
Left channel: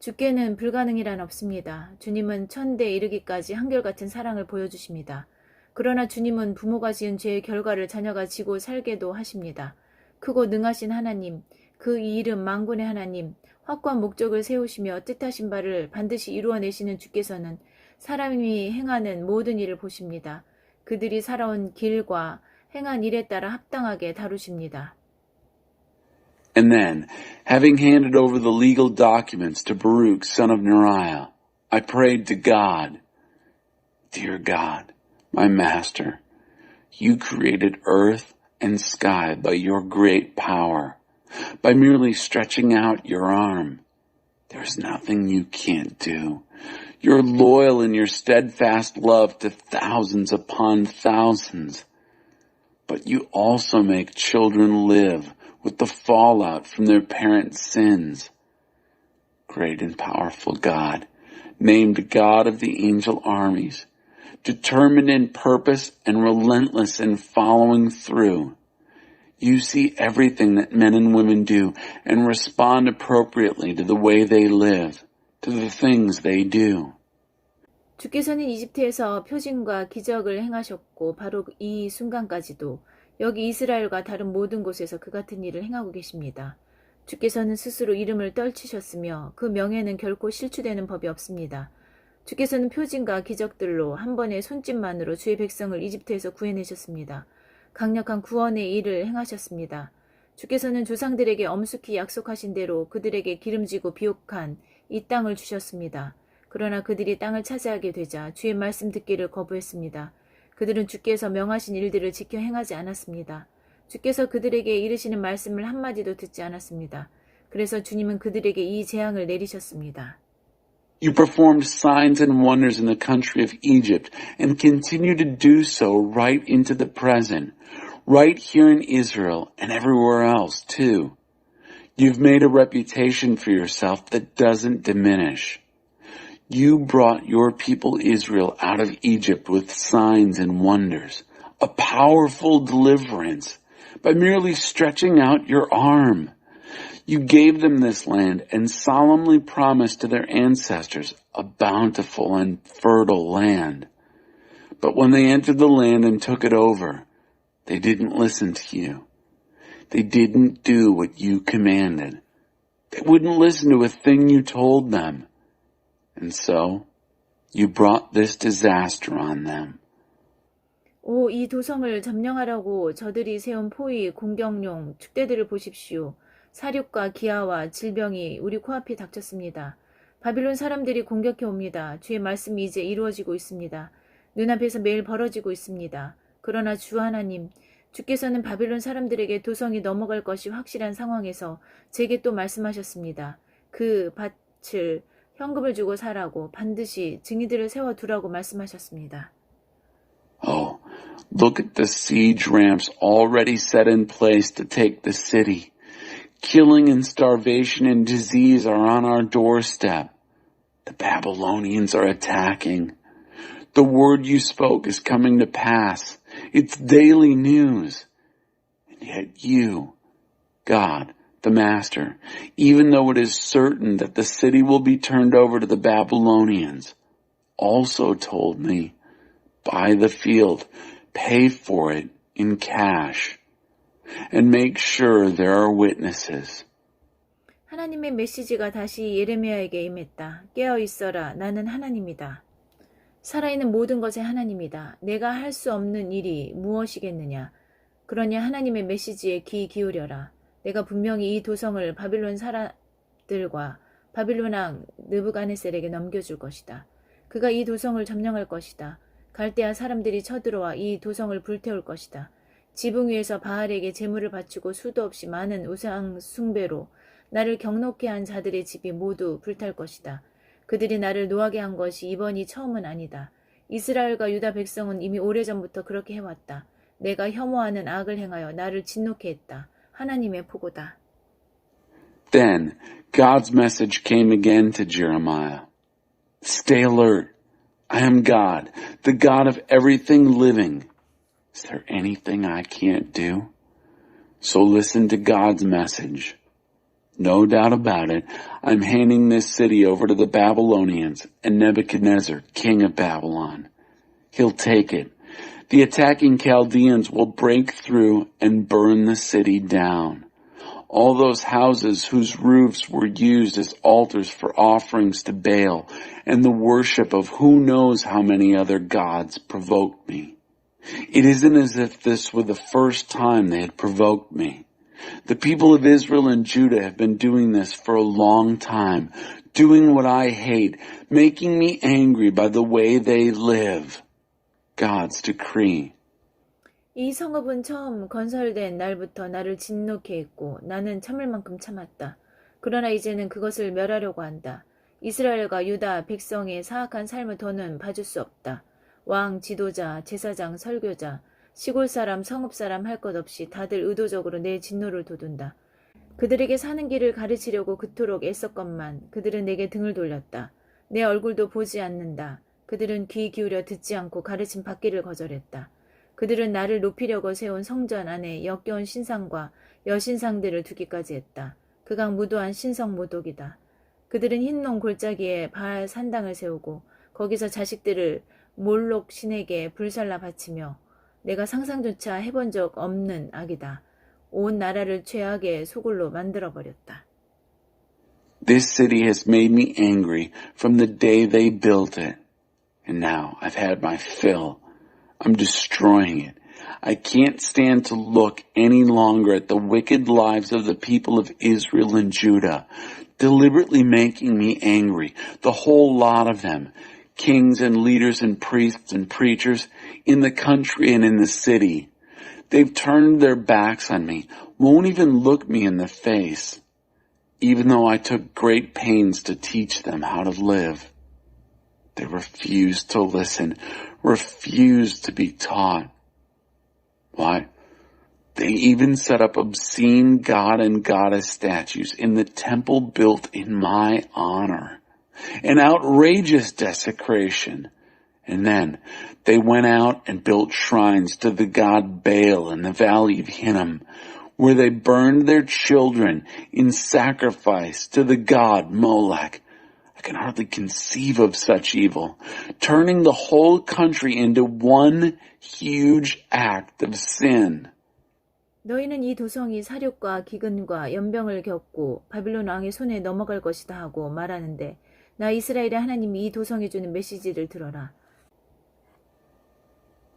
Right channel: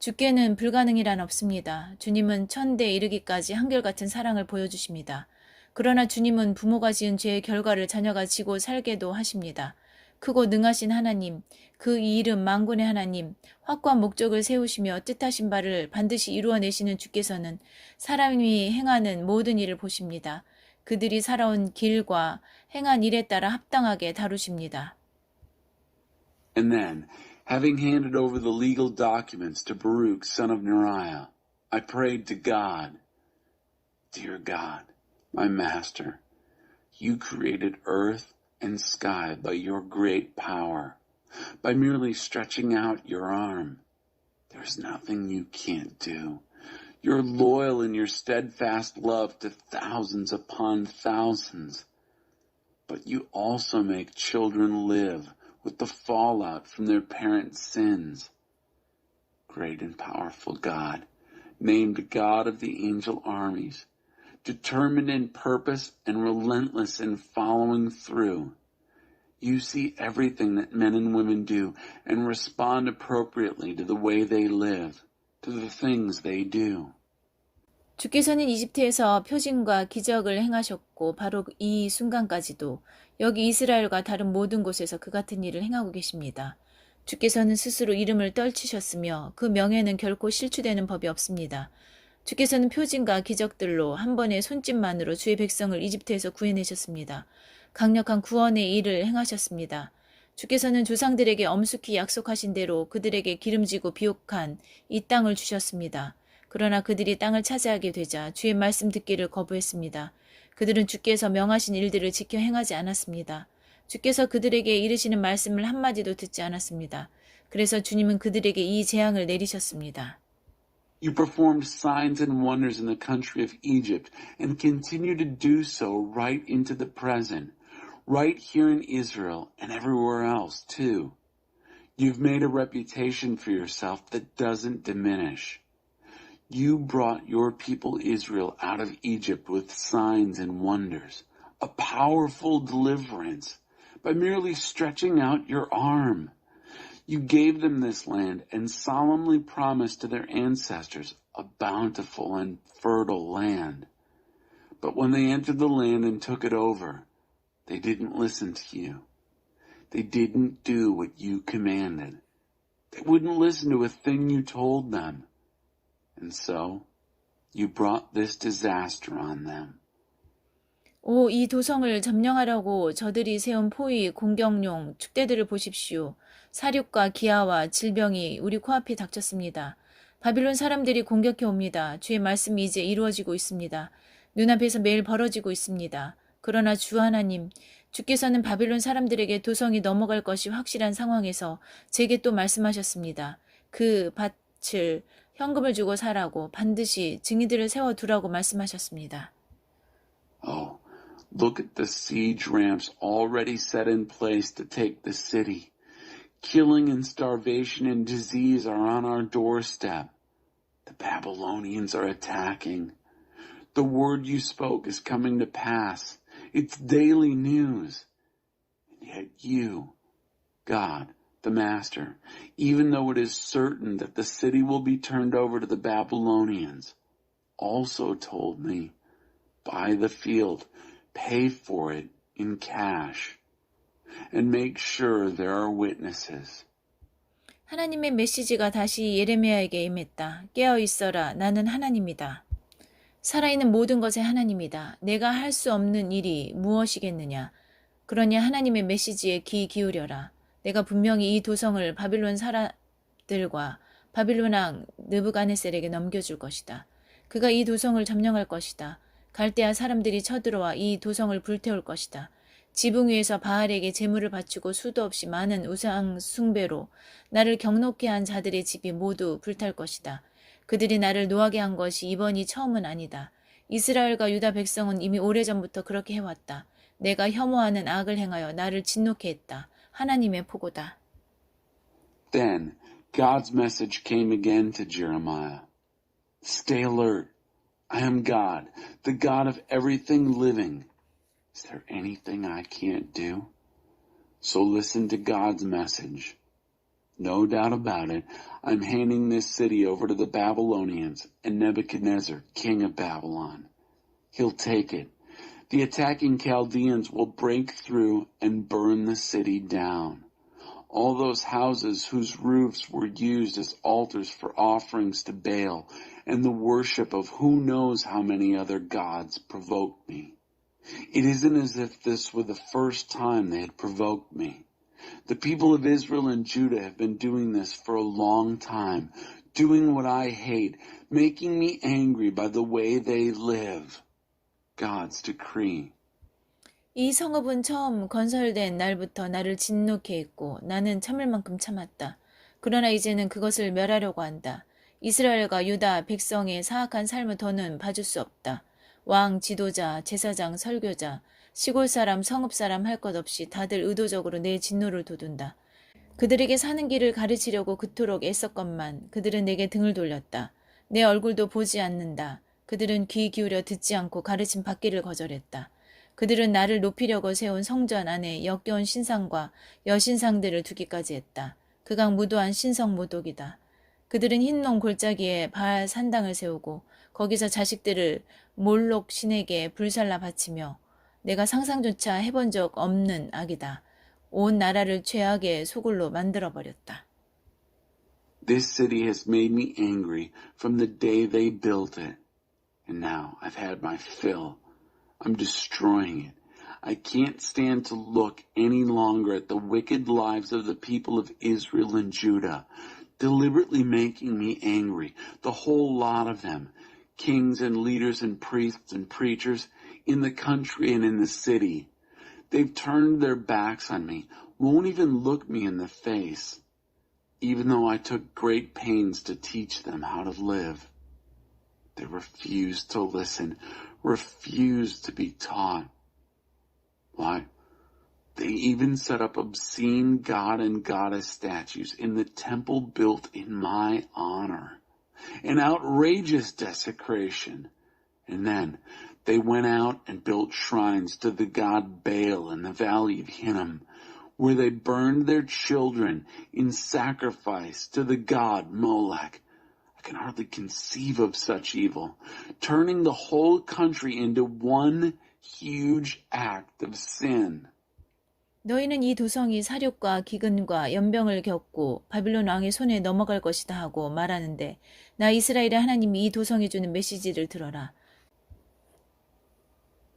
주께는 불가능이란 없습니다. 주님은 천대에 이르기까지 한결같은 사랑을 보여주십니다. 그러나 주님은 부모가 지은 죄의 결과를 자녀가 지고 살게도 하십니다. 크고 능하신 하나님, 그 이름 만군의 하나님, 확고한 목적을 세우시며 뜻하신 바를 반드시 이루어내시는 주께서는 사람이 행하는 모든 일을 보십니다. 그들이 살아온 길과 행한 일에 따라 합당하게 다루십니다. And then, having handed over the legal documents to Baruch, son of Neriah, I prayed to God, Dear God, my master, you created earth and sky by your great power. By merely stretching out your arm, there's nothing you can't do. You're loyal in your steadfast love to thousands upon thousands. But you also make children live with the fallout from their parents' sins. Great and powerful God, named God of the angel armies, determined in purpose and relentless in following through. You see everything that men and women do and respond appropriately to the way they live, to the things they do. 주께서는 이집트에서 표징과 기적을 행하셨고 바로 이 순간까지도 여기 이스라엘과 다른 모든 곳에서 그 같은 일을 행하고 계십니다. 주께서는 스스로 이름을 떨치셨으며 그 명예는 결코 실추되는 법이 없습니다. 주께서는 표징과 기적들로 한 번의 손짓만으로 주의 백성을 이집트에서 구해내셨습니다. 강력한 구원의 일을 행하셨습니다. 주께서는 조상들에게 엄숙히 약속하신 대로 그들에게 기름지고 비옥한 이 땅을 주셨습니다. 그러나 그들이 땅을 차지하게 되자 주의 말씀 듣기를 거부했습니다. 그들은 주께서 명하신 일들을 지켜 행하지 않았습니다. 주께서 그들에게 이르시는 말씀을 한마디도 듣지 않았습니다. 그래서 주님은 그들에게 이 재앙을 내리셨습니다. You performed signs and wonders in the country of Egypt and continue to do so right into the present, right here in Israel and everywhere else too. You've made a reputation for yourself that doesn't diminish. You brought your people Israel out of Egypt with signs and wonders, a powerful deliverance, by merely stretching out your arm. You gave them this land and solemnly promised to their ancestors a bountiful and fertile land. But when they entered the land and took it over, they didn't listen to you. They didn't do what you commanded. They wouldn't listen to a thing you told them. And so, you brought this disaster on them. 오, 이 도성을 점령하려고 저들이 세운 포위, 공격용, 축대들을 보십시오. 사륙과 기아와 질병이 우리 코앞에 닥쳤습니다. 바빌론 사람들이 공격해 옵니다. 주의 말씀이 이제 이루어지고 있습니다. 눈앞에서 매일 벌어지고 있습니다. 그러나 주 하나님, 주께서는 바빌론 사람들에게 도성이 넘어갈 것이 확실한 상황에서 제게 또 말씀하셨습니다. 그 밭을 현금을 주고 사라고 반드시 증인들을 세워두라고 말씀하셨습니다. Oh, look at the siege ramps already set in place to take the city. Killing and starvation and disease are on our doorstep. The Babylonians are attacking. The word you spoke is coming to pass. It's daily news. And yet you, God, the master, even though it is certain that the city will be turned over to the Babylonians, also told me, buy the field, pay for it in cash, and make sure there are witnesses. 하나님의 메시지가 다시 예레미야에게 임했다. 깨어 있어라. 나는 하나님이다. 살아있는 모든 것의 하나님이다. 내가 할 수 없는 일이 무엇이겠느냐. 그러니 하나님의 메시지에 귀 기울여라. 내가 분명히 이 도성을 바빌론 사람들과 바빌론 왕 느부갓네살에게 넘겨줄 것이다. 그가 이 도성을 점령할 것이다. 갈대아 사람들이 쳐들어와 이 도성을 불태울 것이다. 지붕 위에서 바알에게 제물을 바치고 수도 없이 많은 우상 숭배로 나를 경노케 한 자들의 집이 모두 불탈 것이다. 그들이 나를 노하게 한 것이 이번이 처음은 아니다. 이스라엘과 유다 백성은 이미 오래전부터 그렇게 해왔다. 내가 혐오하는 악을 행하여 나를 진노케 했다. 하나님의 포고다. Then God's message came again to Jeremiah. Stay alert. I am God, the God of everything living. Is there anything I can't do? So listen to God's message. No doubt about it, I'm handing this city over to the Babylonians and Nebuchadnezzar, king of Babylon. He'll take it. The attacking Chaldeans will break through and burn the city down. All those houses whose roofs were used as altars for offerings to Baal and the worship of who knows how many other gods provoked me. It isn't as if this were the first time they had provoked me. The people of Israel and Judah have been doing this for a long time, doing what I hate, making me angry by the way they live. God's decree. 이 성읍은 처음 건설된 날부터 나를 진노케 했고 나는 참을 만큼 참았다. 그러나 이제는 그것을 멸하려고 한다. 이스라엘과 유다 백성의 사악한 삶을 더는 봐줄 수 없다. 왕, 지도자, 제사장, 설교자, 시골 사람, 성읍 사람 할 것 없이 다들 의도적으로 내 진노를 돋운다. 그들에게 사는 길을 가르치려고 그토록 애썼건만 그들은 내게 등을 돌렸다. 내 얼굴도 보지 않는다. 그들은 귀 기울여 듣지 않고 가르침 받기를 거절했다. 그들은 나를 높이려고 세운 성전 안에 역겨운 신상과 여신상들을 두기까지 했다. 그강 무도한 신성 모독이다. 그들은 흰농 골짜기에 바알 산당을 세우고 거기서 자식들을 몰록 신에게 불살라 바치며 내가 상상조차 해본 적 없는 악이다. 온 나라를 죄악의 소굴로 만들어버렸다. This city has made me angry from the day they built it. And now I've had my fill. I'm destroying it. I can't stand to look any longer at the wicked lives of the people of Israel and Judah, deliberately making me angry, the whole lot of them, kings and leaders and priests and preachers in the country and in the city. They've turned their backs on me, won't even look me in the face, even though I took great pains to teach them how to live. They refuse to listen, refuse to be taught. Why? They even set up obscene god and goddess statues in the temple built in my honor. An outrageous desecration. And then they went out and built shrines to the god Baal in the valley of Hinnom, where they burned their children in sacrifice to the god Molech. I can hardly conceive of such evil, turning the whole country into one huge act of sin. 너희는 이 도성이 사륙과 기근과 연병을 겪고 바빌론 왕의 손에 넘어갈 것이다 하고 말하는데 나 이스라엘의 하나님이 이 도성에 주는 메시지를 들어라.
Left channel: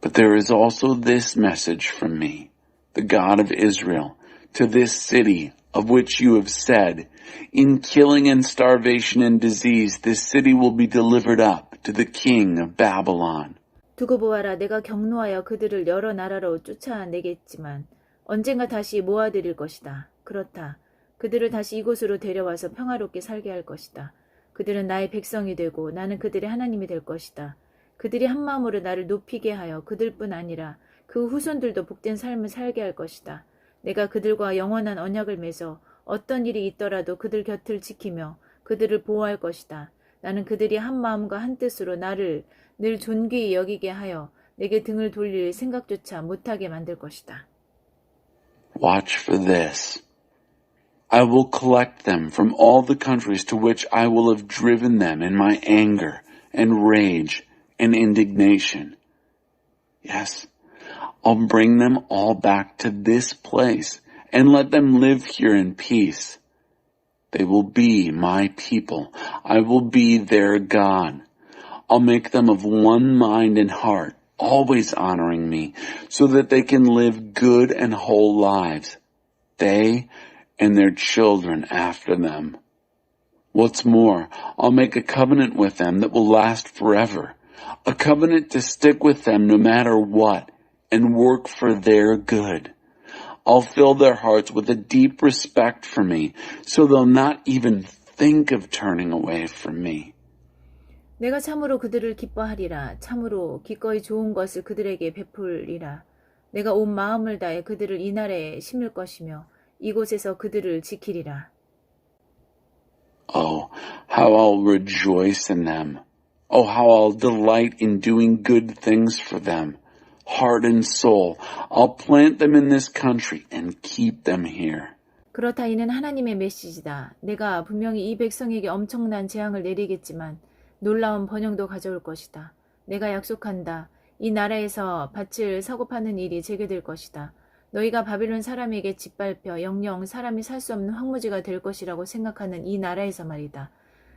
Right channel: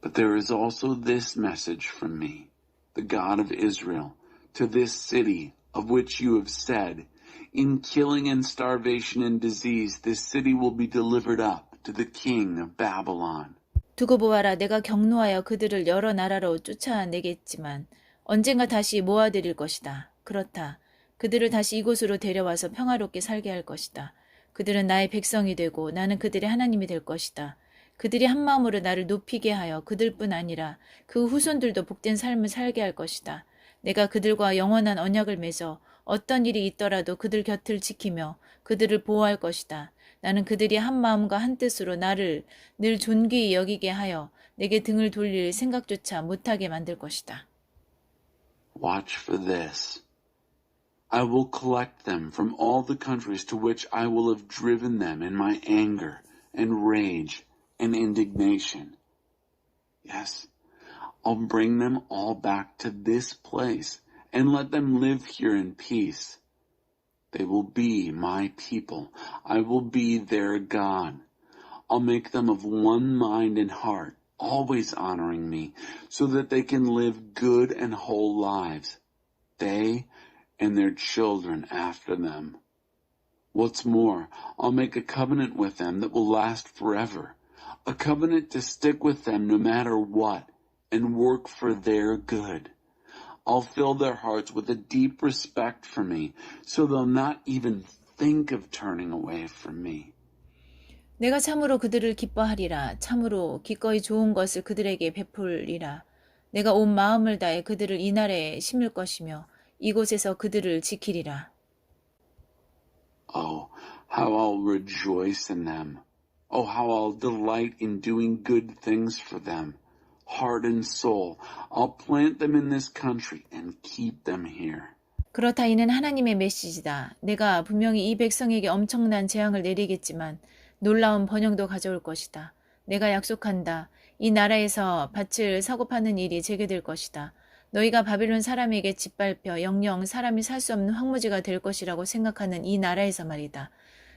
But there is also this message from me, the God of Israel, to this city of which you have said, in killing and starvation and disease, this city will be delivered up to the king of Babylon. 두고 보아라, 내가 경노하여 그들을 여러 나라로 쫓아내겠지만 언젠가 다시 모아들일 것이다. 그렇다. 그들을 다시 이곳으로 데려와서 평화롭게 살게 할 것이다. 그들은 나의 백성이 되고 나는 그들의 하나님이 될 것이다. 그들이 한마음으로 나를 높이게 하여 그들뿐 아니라 그 후손들도 복된 삶을 살게 할 것이다. 내가 그들과 영원한 언약을 맺어 어떤 일이 있더라도 그들 곁을 지키며 그들을 보호할 것이다. 나는 그들이 한마음과 한뜻으로 나를 늘 존귀히 여기게 하여 내게 등을 돌릴 생각조차 못하게 만들 것이다. Watch for this. I will collect them from all the countries to which I will have driven them in my anger and rage and indignation. Yes, I'll bring them all back to this place and let them live here in peace. They will be my people. I will be their God. I'll make them of one mind and heart, always honoring me, so that they can live good and whole lives, they and their children after them. What's more, I'll make a covenant with them that will last forever, a covenant to stick with them no matter what and work for their good. I'll fill their hearts with a deep respect for me, so they'll not even think of turning away from me. 내가 참으로 그들을 기뻐하리라. 참으로 기꺼이 좋은 것을 그들에게 베풀리라. 내가 온 마음을 다해 그들을 이 나라에 심을 것이며 이곳에서 그들을 지키리라. Oh, how I'll rejoice in them. Oh, how I'll delight in doing good things for them. Heart and soul, I'll plant them in this country and keep them here. 그렇다 이는 하나님의 메시지다. 내가 분명히 이 백성에게 엄청난 재앙을 내리겠지만 놀라운 번영도 가져올 것이다. 내가 약속한다. 이 나라에서 밭을 사고 파는 일이 재개될 것이다. 너희가 바빌론 사람에게 짓밟혀 영영 사람이 살 수 없는 황무지가 될 것이라고 생각하는 이 나라에서 말이다.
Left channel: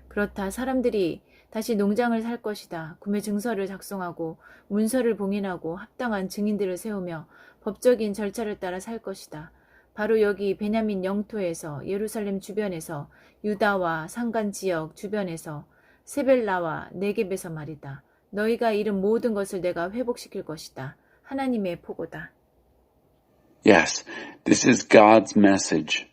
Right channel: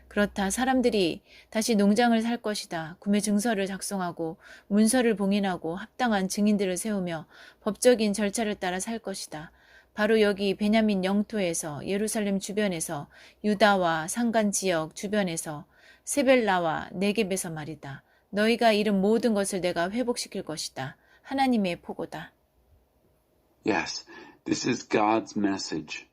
그렇다. 사람들이 다시 농장을 살 것이다. 구매 증서를 작성하고 문서를 봉인하고 합당한 증인들을 세우며 법적인 절차를 따라 살 것이다. 바로 여기 베냐민 영토에서 예루살렘 주변에서 유다와 산간 지역 주변에서 세벨라와 네겝에서 말이다. 너희가 잃은 모든 것을 내가 회복시킬 것이다. 하나님의 포고다. Yes, this is God's message.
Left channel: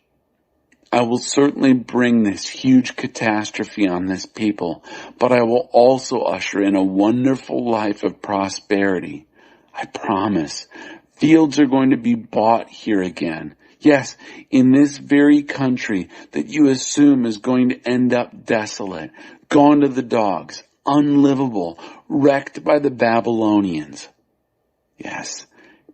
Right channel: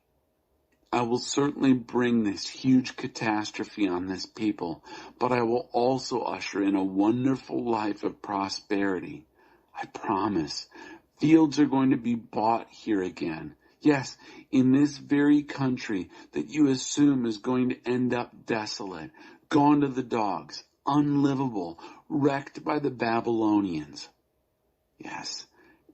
I will certainly bring this huge catastrophe on this people, but I will also usher in a wonderful life of prosperity. I promise. Fields are going to be bought here again. Yes, in this very country that you assume is going to end up desolate, gone to the dogs, unlivable, wrecked by the Babylonians. Yes,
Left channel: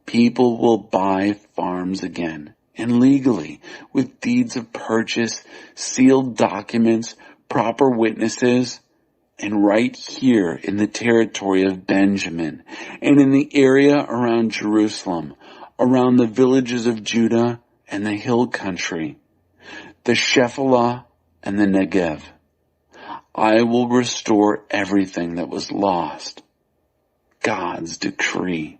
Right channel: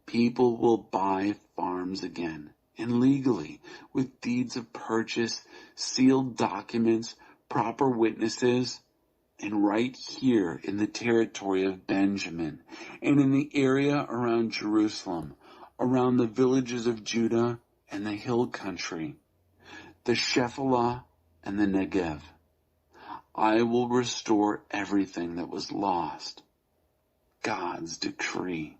people will buy farms again, and legally, with deeds of purchase, sealed documents, proper witnesses, and right here in the territory of Benjamin, and in the area around Jerusalem, around the villages of Judah and the hill country, the Shephelah and the Negev. I will restore everything that was lost. God's decree.